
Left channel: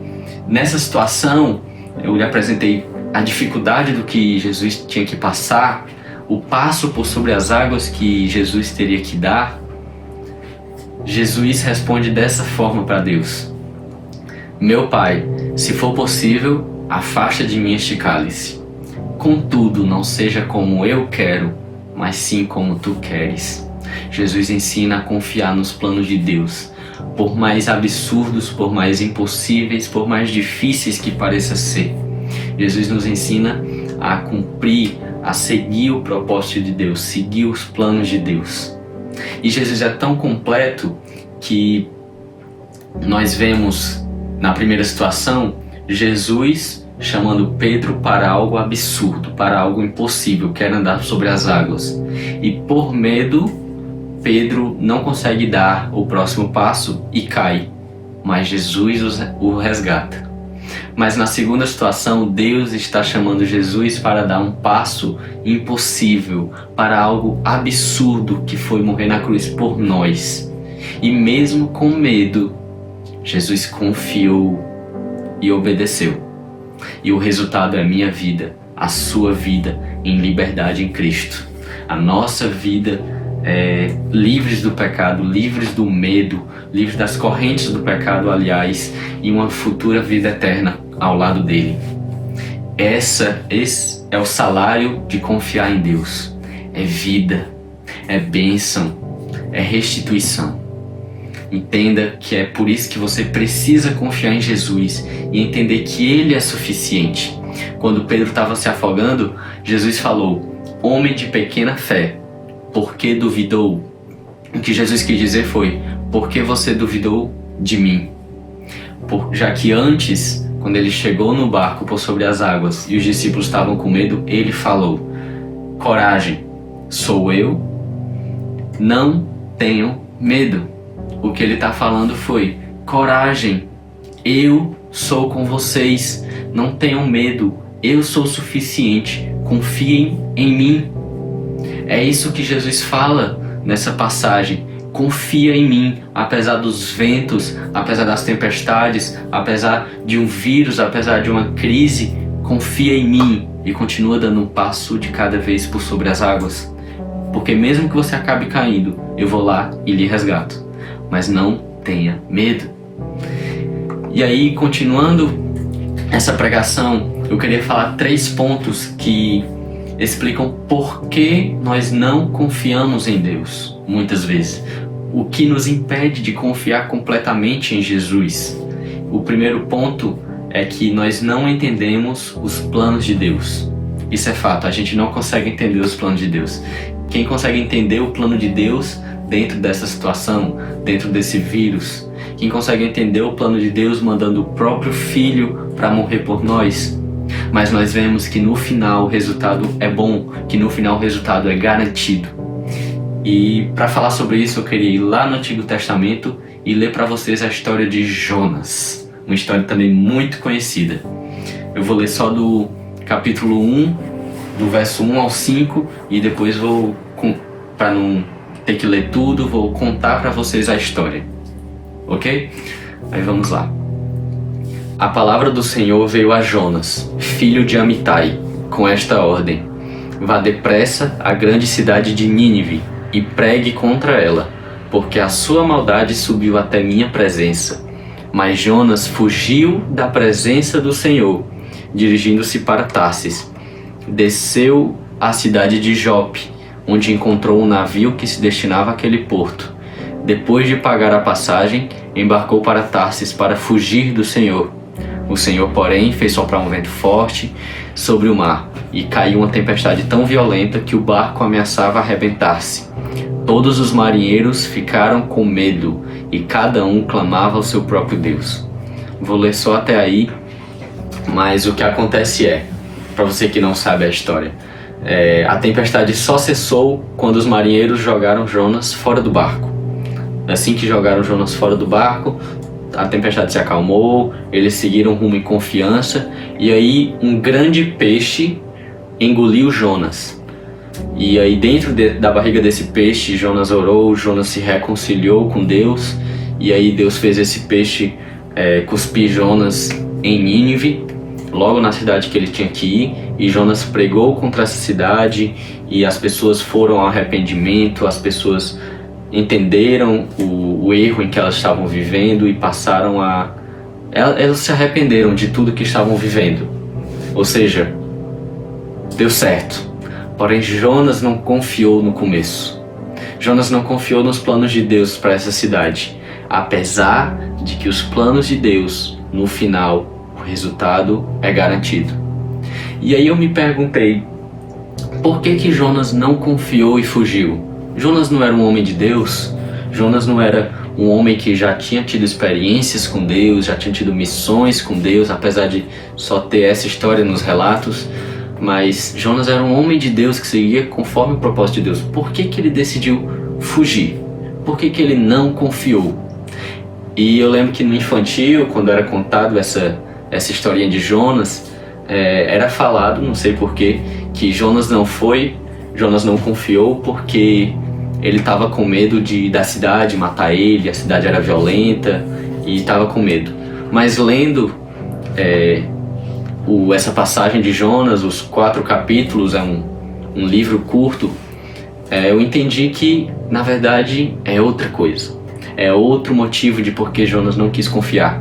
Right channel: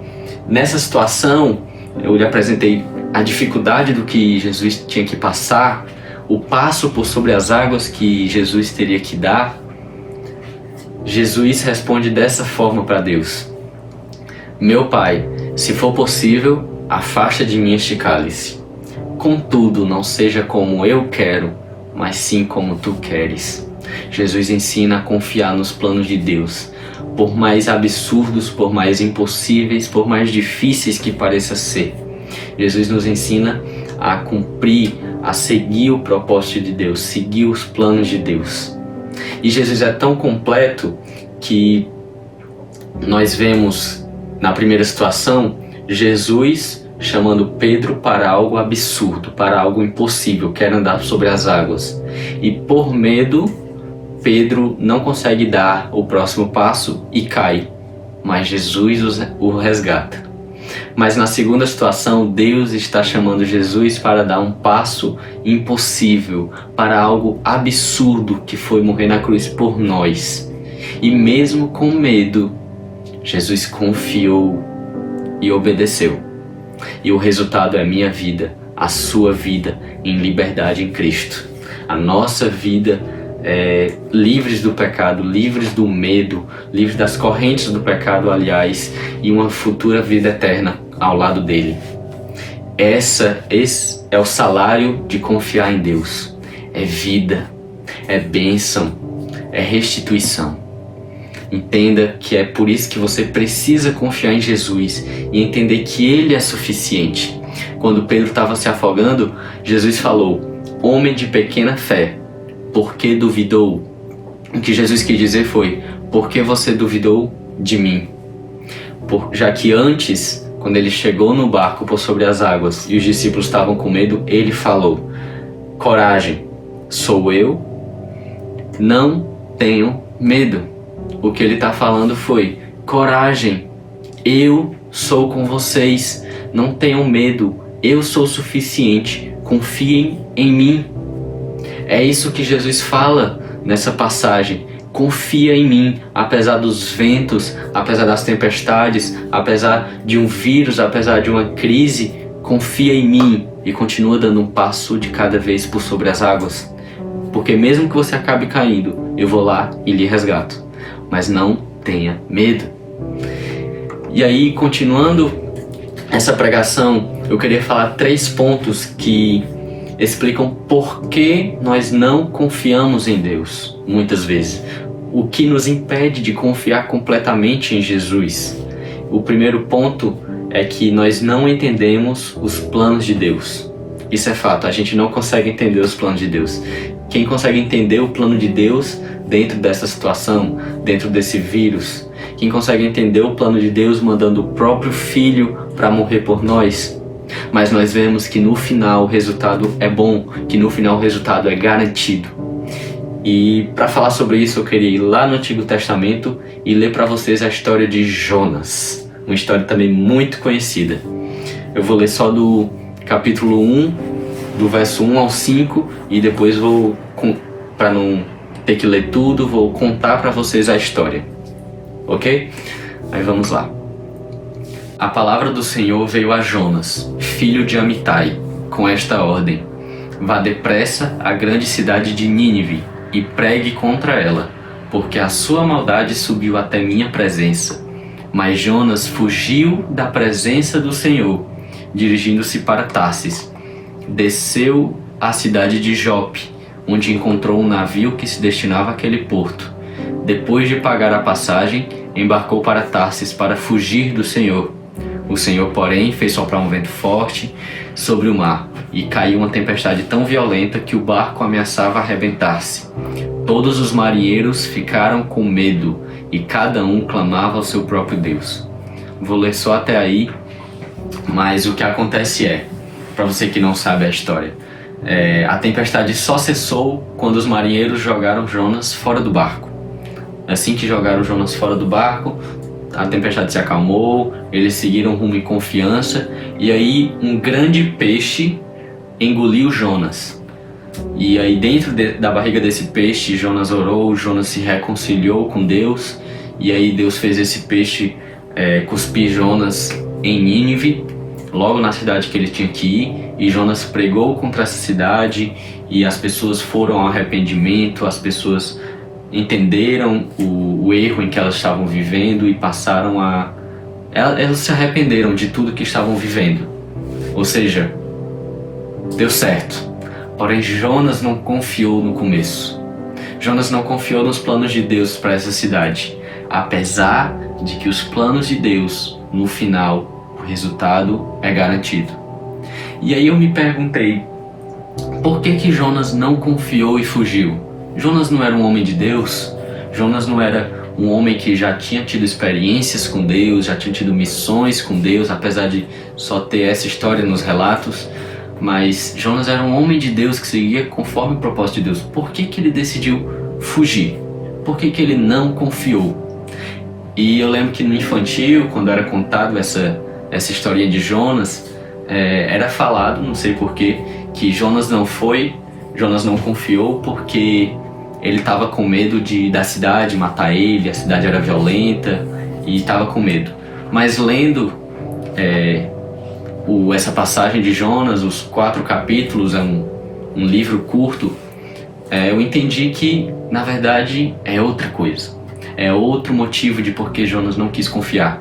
nessa situação, eu lhe apresentei a dificuldade do que Jesus tinha que passar, o passo por sobre as águas que Jesus teria que dar. Jesus responde dessa forma para Deus: Meu Pai, se for possível, afasta de mim este cálice. Contudo, não seja como eu quero, mas sim como tu queres. Jesus ensina a confiar nos planos de Deus, por mais absurdos, por mais impossíveis, por mais difíceis que pareça ser. Jesus nos ensina a cumprir, a seguir o propósito de Deus, seguir os planos de Deus. E Jesus é tão completo que nós vemos na primeira situação Jesus chamando Pedro para algo absurdo, para algo impossível, quer andar sobre as águas. E por medo, Pedro não consegue dar o próximo passo e cai, mas Jesus o resgata. Mas na segunda situação, Deus está chamando Jesus para dar um passo impossível, para algo absurdo, que foi morrer na cruz por nós. E mesmo com medo, Jesus confiou e obedeceu. E o resultado é a minha vida, a sua vida em liberdade em Cristo. A nossa vida livres do pecado, livres do medo, livres das correntes do pecado, aliás, e uma futura vida eterna ao lado dele. Esse é o salário de confiar em Deus. É vida, é bênção, é restituição. Entenda que é por isso que você precisa confiar em Jesus e entender que Ele é suficiente. Quando Pedro estava se afogando, Jesus falou: homem de pequena fé, por que duvidou? O que Jesus quis dizer foi: por que você duvidou de mim? Já que antes, quando ele chegou no barco por sobre as águas e os discípulos estavam com medo, ele falou: coragem, sou eu, não tenham medo. O que ele está falando foi: coragem, eu sou com vocês, não tenham medo, eu sou suficiente, confiem em mim. É isso que Jesus fala nessa passagem: confia em mim, apesar dos ventos, apesar das tempestades, apesar de um vírus, apesar de uma crise, confia em mim e continua dando um passo de cada vez por sobre as águas. Porque mesmo que você acabe caindo, eu vou lá e lhe resgato. Mas não tenha medo. E aí, continuando essa pregação, eu queria falar 3 pontos que explicam por que nós não confiamos em Deus, muitas vezes. O que nos impede de confiar completamente em Jesus. O primeiro ponto é que nós não entendemos os planos de Deus. Isso é fato, a gente não consegue entender os planos de Deus. Quem consegue entender o plano de Deus dentro dessa situação, dentro desse vírus? Quem consegue entender o plano de Deus mandando o próprio Filho para morrer por nós? Mas nós vemos que no final o resultado é bom, que no final o resultado é garantido. E para falar sobre isso eu queria ir lá no Antigo Testamento e ler para vocês a história de Jonas. Uma história também muito conhecida. Eu vou ler só do capítulo 1, do verso 1 ao 5, e depois vou, para não ter que ler tudo, vou contar para vocês a história. Ok? Aí vamos lá. A palavra do Senhor veio a Jonas, filho de Amitai, com esta ordem: vá depressa à grande cidade de Nínive e pregue contra ela, porque a sua maldade subiu até minha presença. Mas Jonas fugiu da presença do Senhor, dirigindo-se para Tarsis. Desceu à cidade de Jope, onde encontrou um navio que se destinava àquele porto. Depois de pagar a passagem, embarcou para Tarsis para fugir do Senhor. O Senhor, porém, fez soprar um vento forte sobre o mar, e caiu uma tempestade tão violenta que o barco ameaçava arrebentar-se. Todos os marinheiros ficaram com medo, e cada um clamava ao seu próprio Deus. Vou ler só até aí, mas o que acontece é, para você que não sabe a história, a tempestade só cessou quando os marinheiros jogaram Jonas fora do barco. Assim que jogaram Jonas fora do barco, a tempestade se acalmou, eles seguiram rumo em confiança, e aí um grande peixe engoliu Jonas. E aí dentro da barriga desse peixe, Jonas orou, Jonas se reconciliou com Deus, e aí Deus fez esse peixe cuspir Jonas em Nínive, logo na cidade que ele tinha que ir, e Jonas pregou contra essa cidade, e as pessoas foram ao arrependimento, as pessoas entenderam o erro em que elas estavam vivendo e passaram a... Elas se arrependeram de tudo que estavam vivendo. Ou seja, deu certo. Porém, Jonas não confiou no começo. Jonas não confiou nos planos de Deus para essa cidade. Apesar de que os planos de Deus, no final, o resultado é garantido. E aí eu me perguntei, por que Jonas não confiou e fugiu? Jonas não era um homem de Deus? Jonas não era um homem que já tinha tido experiências com Deus, já tinha tido missões com Deus, apesar de só ter essa história nos relatos? Mas Jonas era um homem de Deus que seguia conforme o propósito de Deus. Por que ele decidiu fugir? Por que ele não confiou? E eu lembro que no infantil, quando era contado essa historinha de Jonas, era falado, não sei porquê, que Jonas não confiou porque ele estava com medo da cidade matar ele, a cidade era violenta e estava com medo. Mas lendo essa passagem de Jonas, os 4 capítulos, é um livro curto, eu entendi que, na verdade, é outra coisa. É outro motivo de por que Jonas não quis confiar.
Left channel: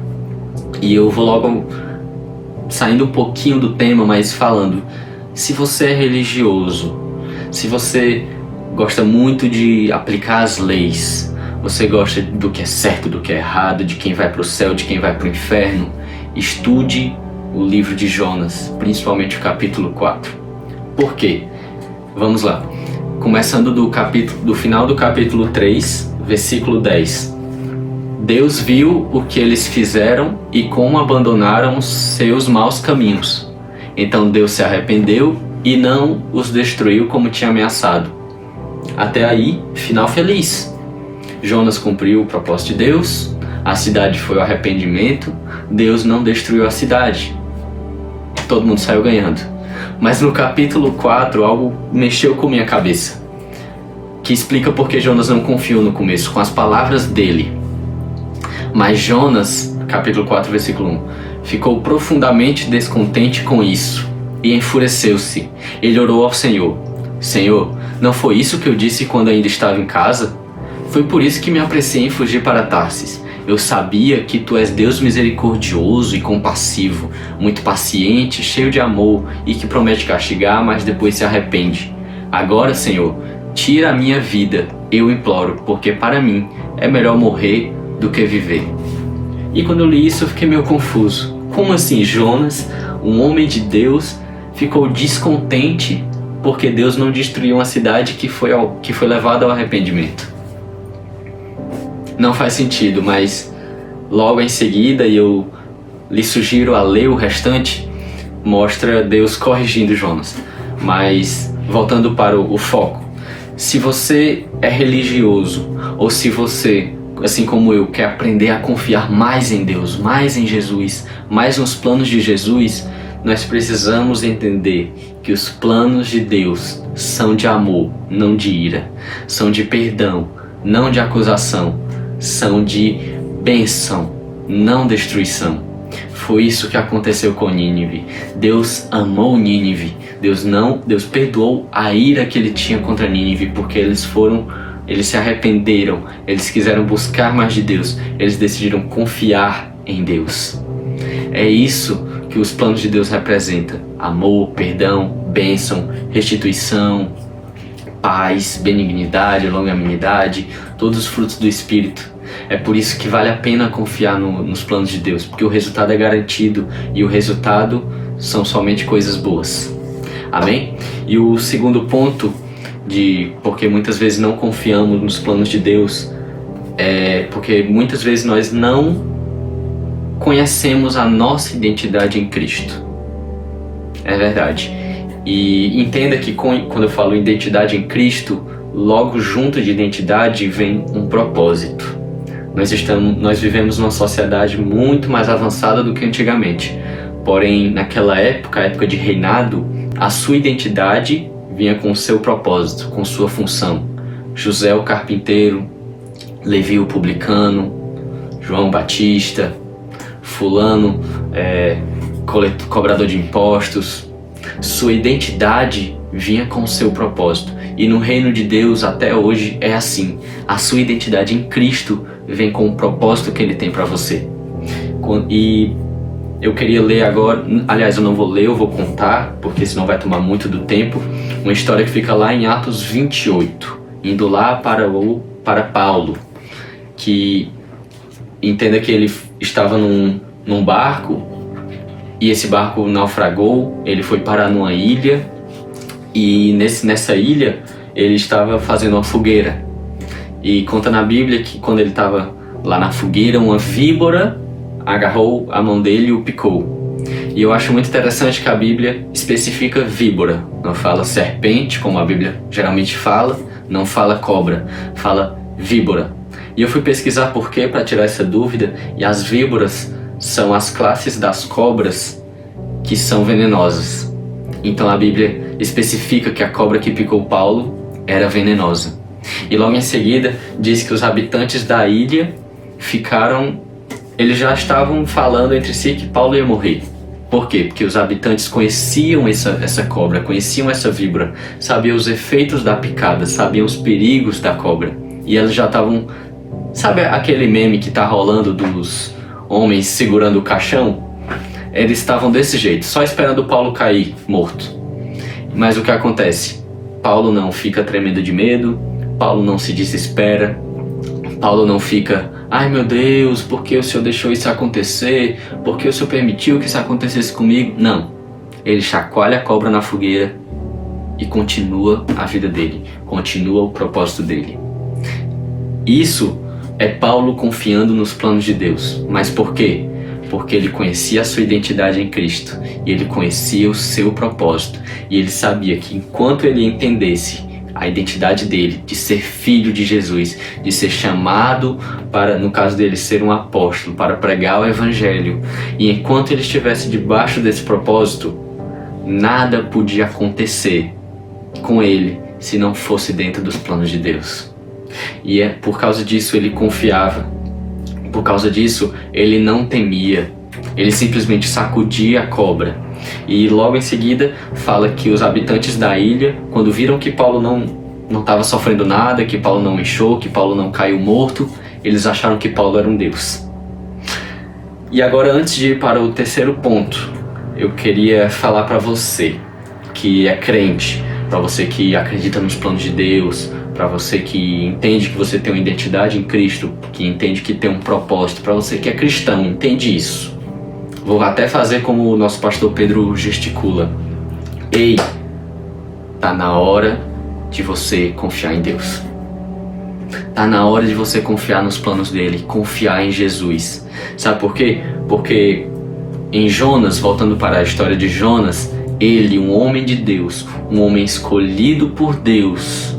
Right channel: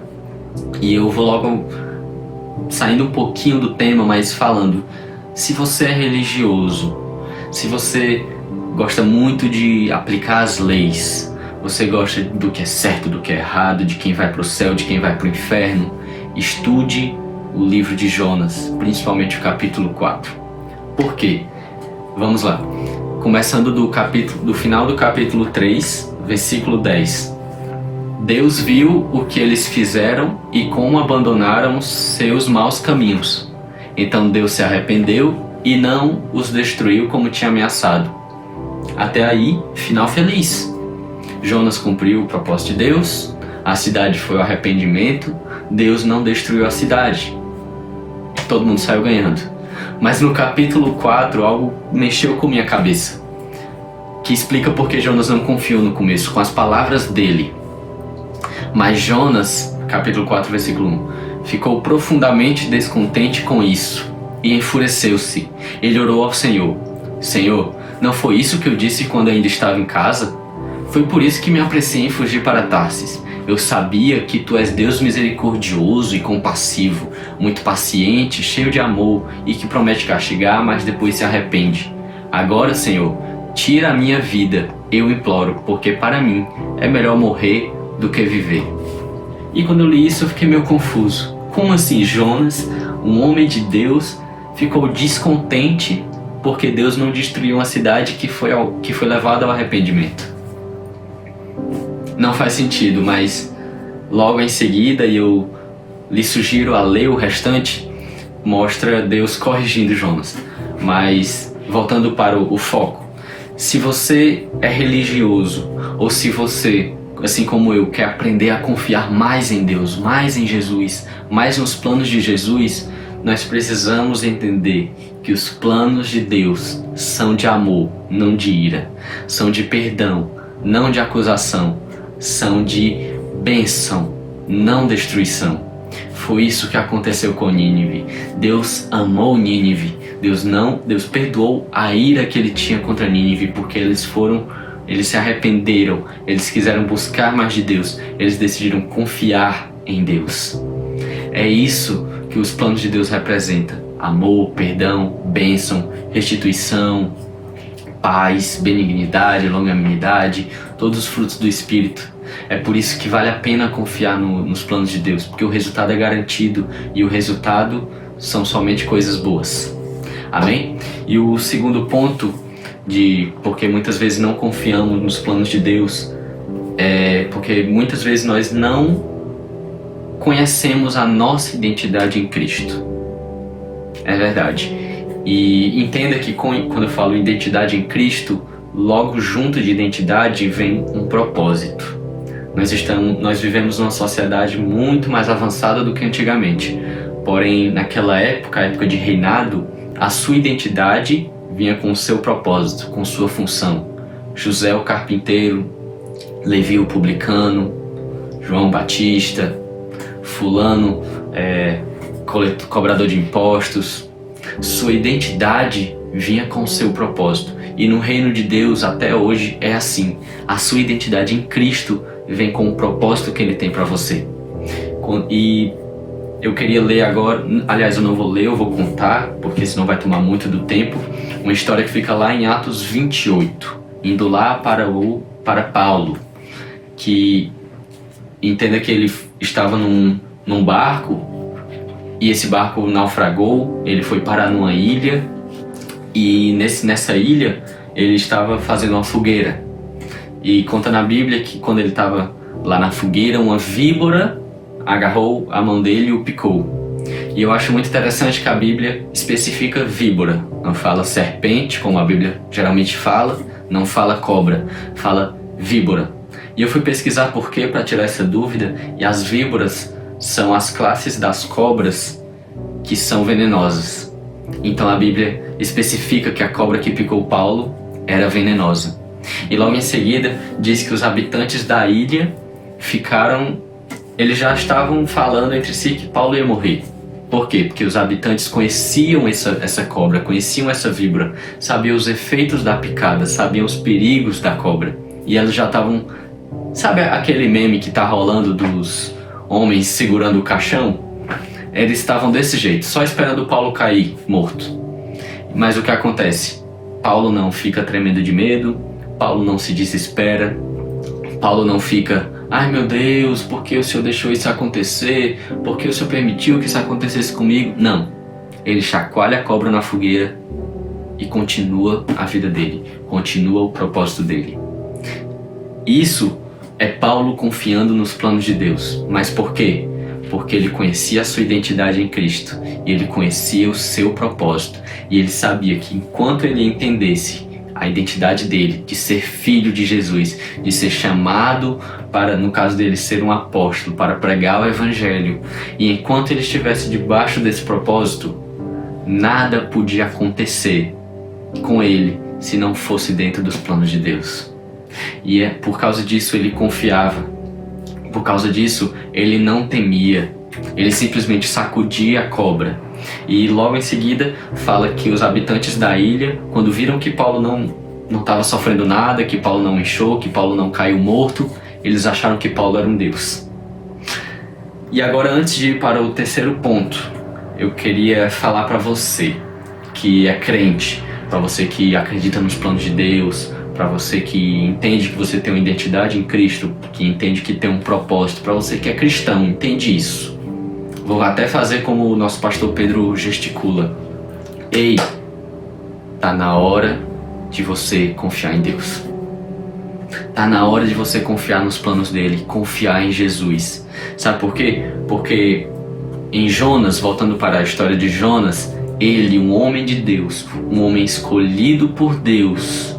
E eu vou logo saindo um pouquinho do tema, mas falando, se você é religioso, se você gosta muito de aplicar as leis. Você gosta do que é certo, do que é errado, de quem vai para o céu, de quem vai para o inferno. Estude o livro de Jonas, principalmente o capítulo 4. Por quê? Vamos lá. Começando do final do capítulo 3, versículo 10. Deus viu o que eles fizeram e como abandonaram seus maus caminhos. Então Deus se arrependeu e não os destruiu como tinha ameaçado. Até aí, final feliz. Jonas cumpriu o propósito de Deus, a cidade foi o arrependimento, Deus não destruiu a cidade. Todo mundo saiu ganhando. Mas no capítulo 4, algo mexeu com minha cabeça, que explica por que Jonas não confiou no começo, com as palavras dele. Mas Jonas, capítulo 4, versículo 1, ficou profundamente descontente com isso e enfureceu-se. Ele orou ao Senhor: Senhor, não foi isso que eu disse quando ainda estava em casa? Foi por isso que me apressei em fugir para Tarsis. Eu sabia que tu és Deus misericordioso e compassivo, muito paciente, cheio de amor e que promete castigar, mas depois se arrepende. Agora, Senhor, tira a minha vida, eu imploro, porque para mim é melhor morrer do que viver. E quando eu li isso, eu fiquei meio confuso. Como assim Jonas, um homem de Deus, ficou descontente porque Deus não destruiu uma cidade que foi levada ao arrependimento? Não faz sentido, mas logo em seguida, e eu lhe sugiro a ler o restante, mostra Deus corrigindo Jonas. Mas voltando para o foco, se você é religioso, ou se você, assim como eu, quer aprender a confiar mais em Deus, mais em Jesus, mais nos planos de Jesus, nós precisamos entender que os planos de Deus são de amor, não de ira, são de perdão, não de acusação, são de bênção, não destruição. Foi isso que aconteceu com Nínive. Deus amou Nínive. Deus perdoou a ira que ele tinha contra Nínive, porque eles se arrependeram, eles quiseram buscar mais de Deus, eles decidiram confiar em Deus. É isso que os planos de Deus representam: amor, perdão, bênção, restituição, paz, benignidade, longanimidade, todos os frutos do Espírito. É por isso que vale a pena confiar nos planos de Deus, porque o resultado é garantido e o resultado são somente coisas boas. Amém? E o segundo ponto porque muitas vezes não confiamos nos planos de Deus é porque muitas vezes nós não conhecemos a nossa identidade em Cristo. É verdade. E entenda que quando eu falo identidade em Cristo, logo junto de identidade vem um propósito. Nós vivemos numa sociedade muito mais avançada do que antigamente. Porém, naquela época, a época de reinado, a sua identidade vinha com o seu propósito, com sua função. José o carpinteiro, Levi o publicano, João Batista, fulano, cobrador de impostos. Sua identidade vinha com o seu propósito. E no reino de Deus até hoje é assim. A sua identidade em Cristo vem com o propósito que Ele tem para você. E eu queria ler agora, aliás eu não vou ler, eu vou contar, porque senão vai tomar muito do tempo, uma história que fica lá em Atos 28, indo lá para Paulo, que entenda que ele estava num barco, e esse barco naufragou, ele foi parar numa ilha, e nessa ilha ele estava fazendo uma fogueira. E conta na Bíblia que quando ele estava lá na fogueira, uma víbora agarrou a mão dele e o picou. E eu acho muito interessante que a Bíblia especifica víbora, não fala serpente, como a Bíblia geralmente fala, não fala cobra, fala víbora. E eu fui pesquisar por quê, para tirar essa dúvida, e as víboras são as classes das cobras que são venenosas. Então a Bíblia especifica que a cobra que picou Paulo era venenosa. E logo em seguida diz que os habitantes da ilha eles já estavam falando entre si que Paulo ia morrer. Por quê? Porque os habitantes conheciam essa cobra, conheciam essa víbora, sabiam os efeitos da picada, sabiam os perigos da cobra. E eles já estavam... Sabe aquele meme que tá rolando dos homens segurando o caixão? Eles estavam desse jeito, só esperando Paulo cair morto. Mas o que acontece? Paulo não fica tremendo de medo, Paulo não se desespera, Paulo não fica, ai meu Deus, por que o Senhor deixou isso acontecer? Por que o Senhor permitiu que isso acontecesse comigo? Não. Ele chacoalha a cobra na fogueira e continua a vida dele, continua o propósito dele. Isso é Paulo confiando nos planos de Deus. Mas por quê? Porque ele conhecia a sua identidade em Cristo e ele conhecia o seu propósito. E ele sabia que enquanto ele entendesse a identidade dele, de ser filho de Jesus, de ser chamado para, no caso dele, ser um apóstolo, para pregar o evangelho, e enquanto ele estivesse debaixo desse propósito, nada podia acontecer com ele se não fosse dentro dos planos de Deus. E por causa disso ele confiava, por causa disso ele não temia, ele simplesmente sacudia a cobra. E logo em seguida fala que os habitantes da ilha, quando viram que Paulo não estava sofrendo nada, que Paulo não inchou, que Paulo não caiu morto, eles acharam que Paulo era um deus. E agora, antes de ir para o terceiro ponto, eu queria falar para você que é crente, para você que acredita nos planos de Deus, para você que entende que você tem uma identidade em Cristo, que entende que tem um propósito, para você que é cristão, entende isso. Vou até fazer como o nosso pastor Pedro gesticula. Ei, tá na hora de você confiar em Deus. Tá na hora de você confiar nos planos dele, confiar em Jesus. Sabe por quê? Porque em Jonas, voltando para a história de Jonas, ele, um homem de Deus, um homem escolhido por Deus,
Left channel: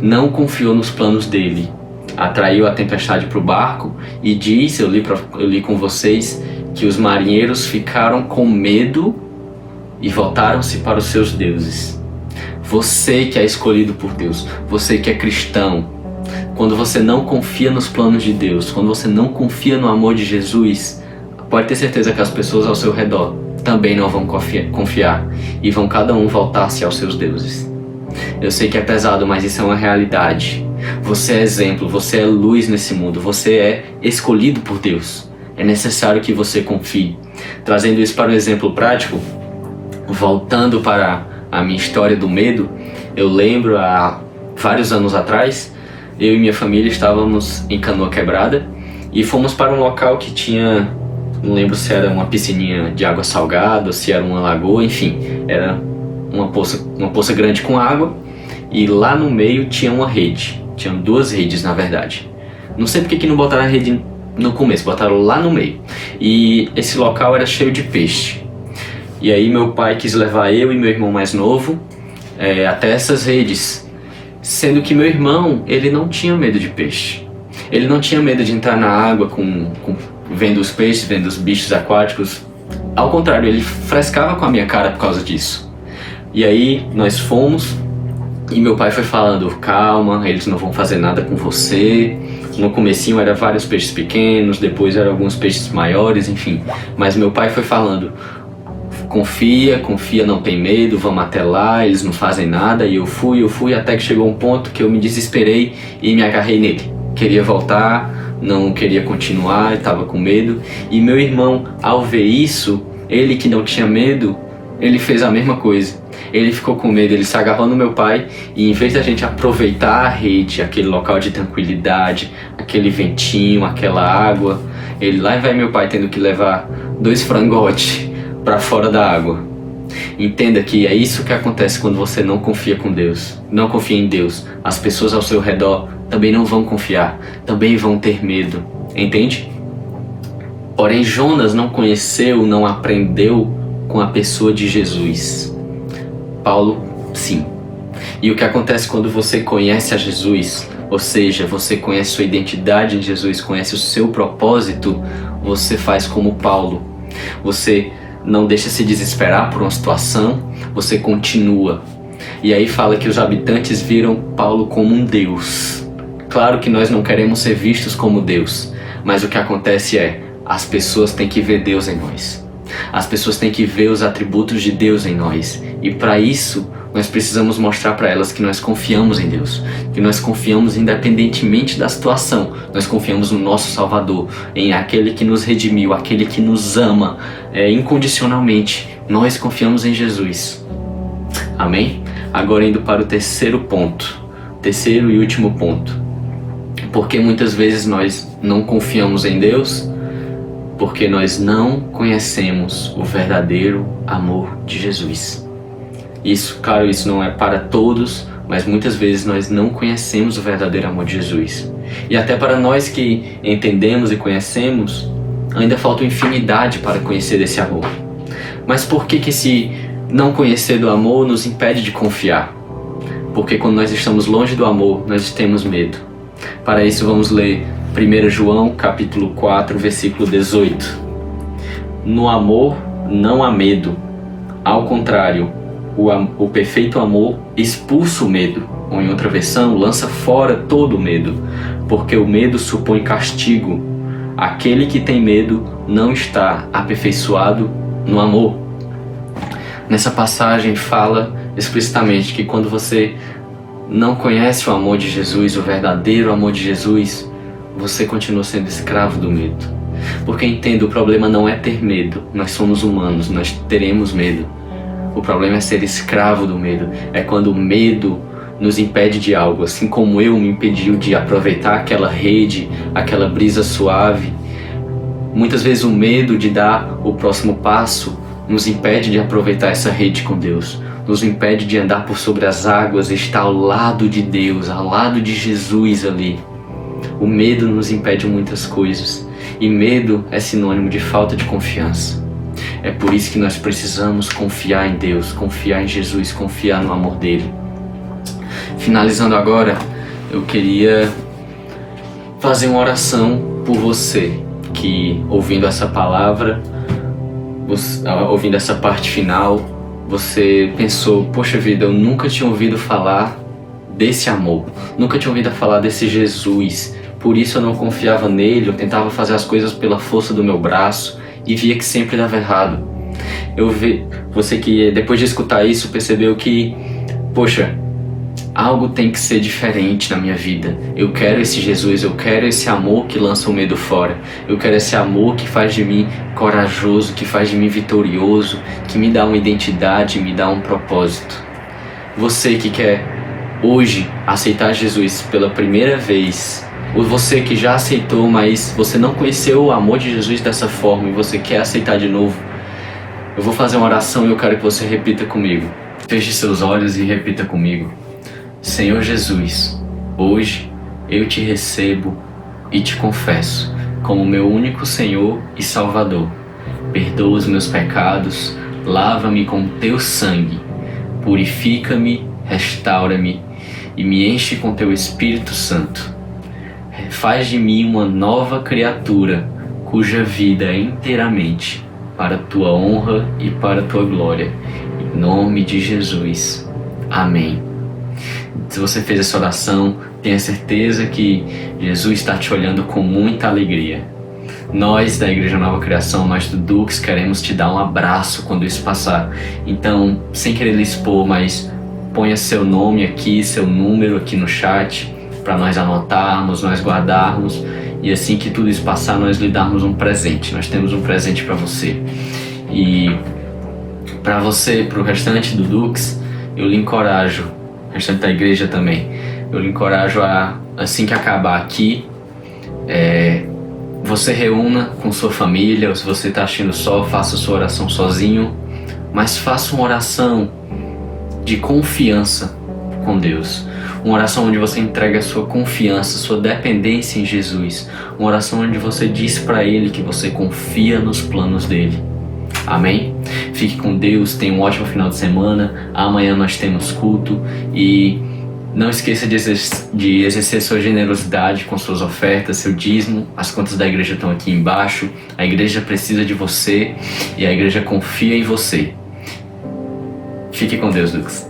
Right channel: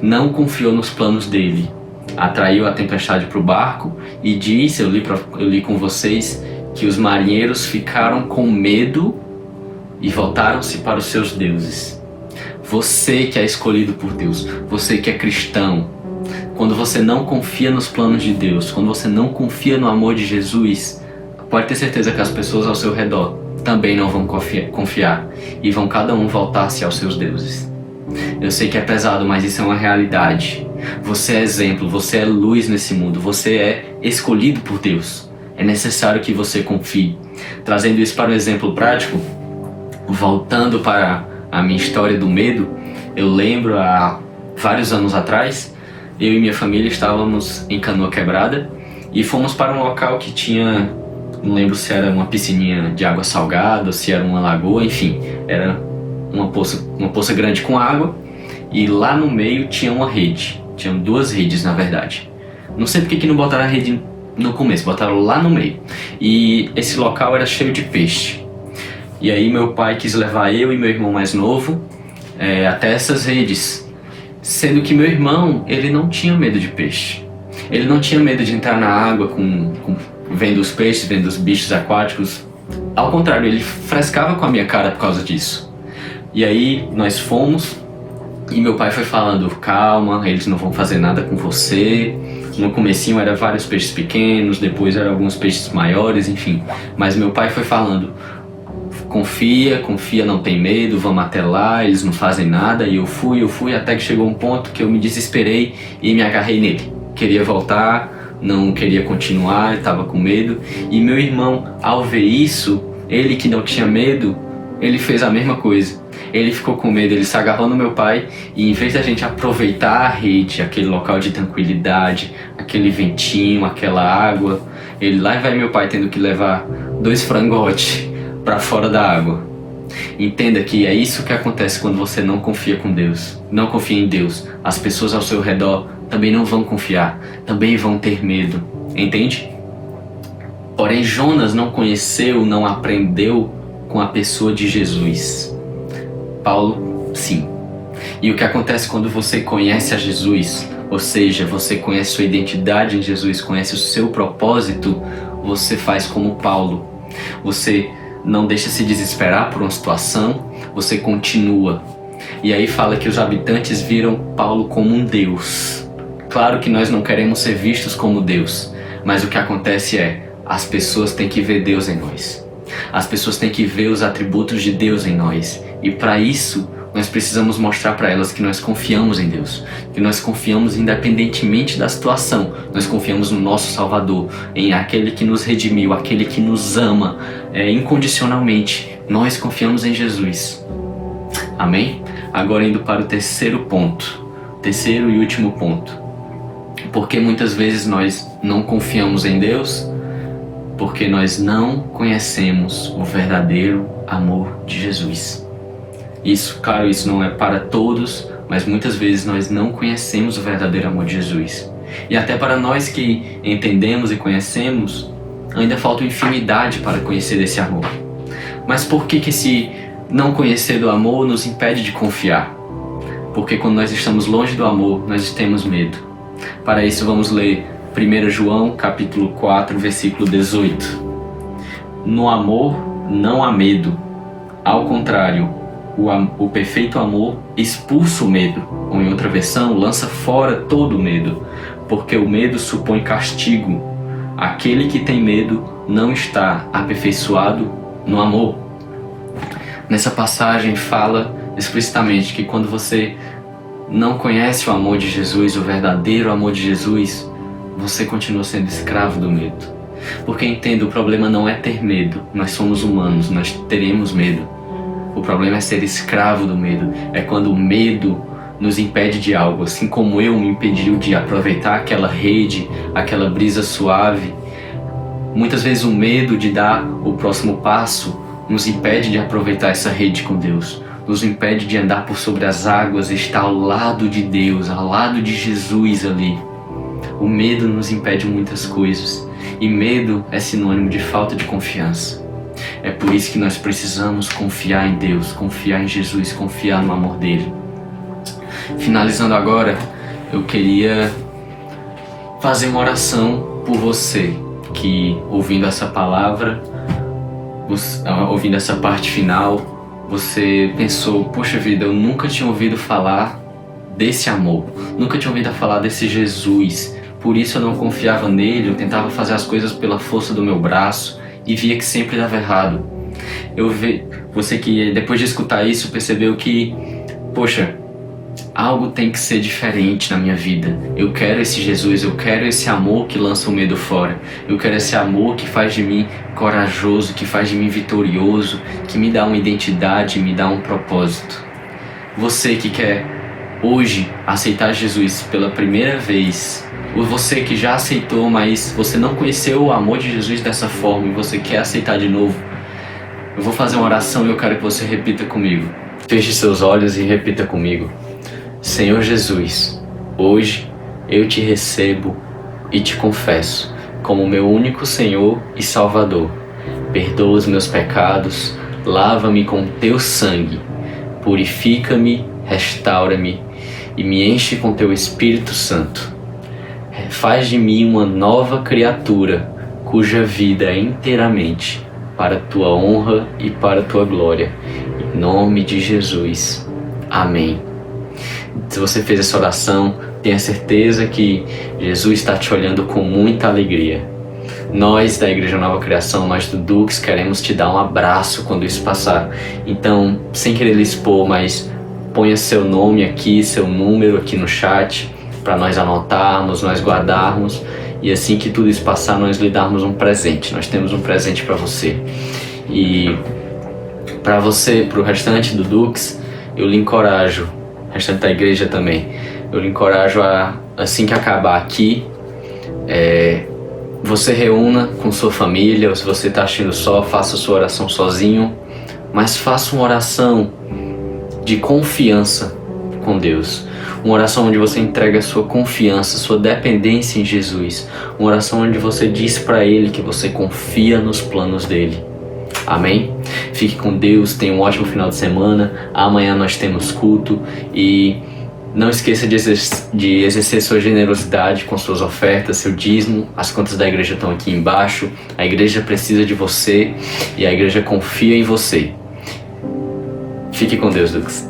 não confiou nos planos dele. Atraiu a tempestade para o barco e disse, eu li com vocês, que os marinheiros ficaram com medo e voltaram-se para os seus deuses. Você que é escolhido por Deus, você que é cristão, quando você não confia nos planos de Deus, quando você não confia no amor de Jesus, pode ter certeza que as pessoas ao seu redor também não vão confiar e vão cada um voltar-se aos seus deuses. Eu sei que é pesado, mas isso é uma realidade. Você é exemplo, você é luz nesse mundo, você é escolhido por Deus. É necessário que você confie. Trazendo isso para um exemplo prático, voltando para a minha história do medo, eu lembro há vários anos atrás, eu e minha família estávamos em Canoa Quebrada e fomos para um local que tinha, não lembro se era uma piscininha de água salgada ou se era uma lagoa, enfim, era uma poça grande com água e lá no meio tinha uma rede, tinham 2 redes na verdade. Não sei porque que não botaram a rede no começo, botaram lá no meio. E esse local era cheio de peixe. E aí meu pai quis levar eu e meu irmão mais novo até essas redes. Sendo que meu irmão, ele não tinha medo de peixe. Ele não tinha medo de entrar na água vendo os peixes, vendo os bichos aquáticos. Ao contrário, ele frescava com a minha cara por causa disso. E aí nós fomos e meu pai foi falando, calma, eles não vão fazer nada com você. No comecinho era vários peixes pequenos, depois eram alguns peixes maiores, enfim. Mas meu pai foi falando, confia, não tem medo, vamos até lá, eles não fazem nada. E eu fui, até que chegou um ponto que eu me desesperei e me agarrei nele. Queria voltar, não queria continuar, estava com medo. E meu irmão, ao ver isso, ele que não tinha medo, ele fez a mesma coisa. Ele ficou com medo, ele se agarrou no meu pai e em vez da gente aproveitar a rede, aquele local de tranquilidade, aquele ventinho, aquela água, ele lá vai meu pai tendo que levar 2 frangotes para fora da água. Entenda que é isso que acontece quando você não confia com Deus, não confia em Deus. As pessoas ao seu redor também não vão confiar, também vão ter medo, entende? Porém, Jonas não conheceu, não aprendeu com a pessoa de Jesus. Paulo, sim. E o que acontece quando você conhece a Jesus, ou seja, você conhece sua identidade em Jesus, conhece o seu propósito, você faz como Paulo. Você não deixa se desesperar por uma situação, você continua. E aí fala que os habitantes viram Paulo como um Deus. Claro que nós não queremos ser vistos como Deus, mas o que acontece é, as pessoas têm que ver Deus em nós. As pessoas têm que ver os atributos de Deus em nós. E para isso, nós precisamos mostrar para elas que nós confiamos em Deus. Que nós confiamos independentemente da situação. Nós confiamos no nosso Salvador, em aquele que nos redimiu, aquele que nos ama incondicionalmente. Nós confiamos em Jesus. Amém? Agora indo para o terceiro e último ponto. Porque muitas vezes nós não confiamos em Deus? Porque nós não conhecemos o verdadeiro amor de Jesus. Isso, claro, isso não é para todos, mas muitas vezes nós não conhecemos o verdadeiro amor de Jesus. E até para nós que entendemos e conhecemos, ainda falta infinidade para conhecer esse amor. Mas por que esse não conhecer do amor nos impede de confiar? Porque quando nós estamos longe do amor, nós temos medo. Para isso vamos ler 1 João capítulo 4, versículo 18. No amor não há medo. Ao contrário, o perfeito amor expulsa o medo. Ou em outra versão, lança fora todo o medo. Porque o medo supõe castigo. Aquele que tem medo não está aperfeiçoado no amor. Nessa passagem fala explicitamente que quando você não conhece o amor de Jesus, o verdadeiro amor de Jesus, você continua sendo escravo do medo. Porque entenda, o problema não é ter medo. Nós somos humanos, nós teremos medo. O problema é ser escravo do medo. É quando o medo nos impede de algo, assim como eu me impediu de aproveitar aquela rede, aquela brisa suave. Muitas vezes o medo de dar o próximo passo nos impede de aproveitar essa rede com Deus, nos impede de andar por sobre as águas, estar ao lado de Deus, ao lado de Jesus ali. O medo nos impede muitas coisas, e medo é sinônimo de falta de confiança. É por isso que nós precisamos confiar em Deus, confiar em Jesus, confiar no amor dele. Finalizando agora, eu queria fazer uma oração por você que, ouvindo essa palavra, ouvindo essa parte final, você pensou, poxa vida, eu nunca tinha ouvido falar desse amor, nunca tinha ouvido falar desse Jesus, por isso eu não confiava nele, eu tentava fazer as coisas pela força do meu braço e via que sempre dava errado. Você que depois de escutar isso percebeu que, poxa, algo tem que ser diferente na minha vida. Eu quero esse Jesus, eu quero esse amor que lança o medo fora. Eu quero esse amor que faz de mim corajoso, que faz de mim vitorioso, que me dá uma identidade, me dá um propósito. Você que quer hoje aceitar Jesus pela primeira vez, ou você que já aceitou, mas você não conheceu o amor de Jesus dessa forma e você quer aceitar de novo, eu vou fazer uma oração e eu quero que você repita comigo. Feche seus olhos e repita comigo. Senhor Jesus, hoje eu te recebo e te confesso como meu único Senhor e Salvador. Perdoa os meus pecados, lava-me com teu sangue, purifica-me, restaura-me e me enche com teu Espírito Santo. Faz de mim uma nova criatura, cuja vida é inteiramente para a tua honra e para a tua glória. Em nome de Jesus. Amém. Se você fez essa oração, tenha certeza que Jesus está te olhando com muita alegria. Nós da Igreja Nova Criação, nós do Dux, queremos te dar um abraço quando isso passar. Então, sem querer lhe expor, mas ponha seu nome aqui, seu número aqui no chat, para nós anotarmos, nós guardarmos, e assim que tudo isso passar, nós lhe darmos um presente. Nós temos um presente para você. E para você, para o restante do Dux, eu lhe encorajo, o restante da igreja também, eu lhe encorajo a, assim que acabar aqui, você reúna com sua família, ou se você está assistindo só, faça sua oração sozinho, mas faça uma oração de confiança com Deus. Uma oração onde você entrega a sua confiança, sua dependência em Jesus. Uma oração onde você diz para Ele que você confia nos planos dEle. Amém? Fique com Deus, tenha um ótimo final de semana. Amanhã nós temos culto e não esqueça de exercer sua generosidade com suas ofertas, seu dízimo. As contas da igreja estão aqui embaixo. A igreja precisa de você e a igreja confia em você. Fique com Deus, Dux.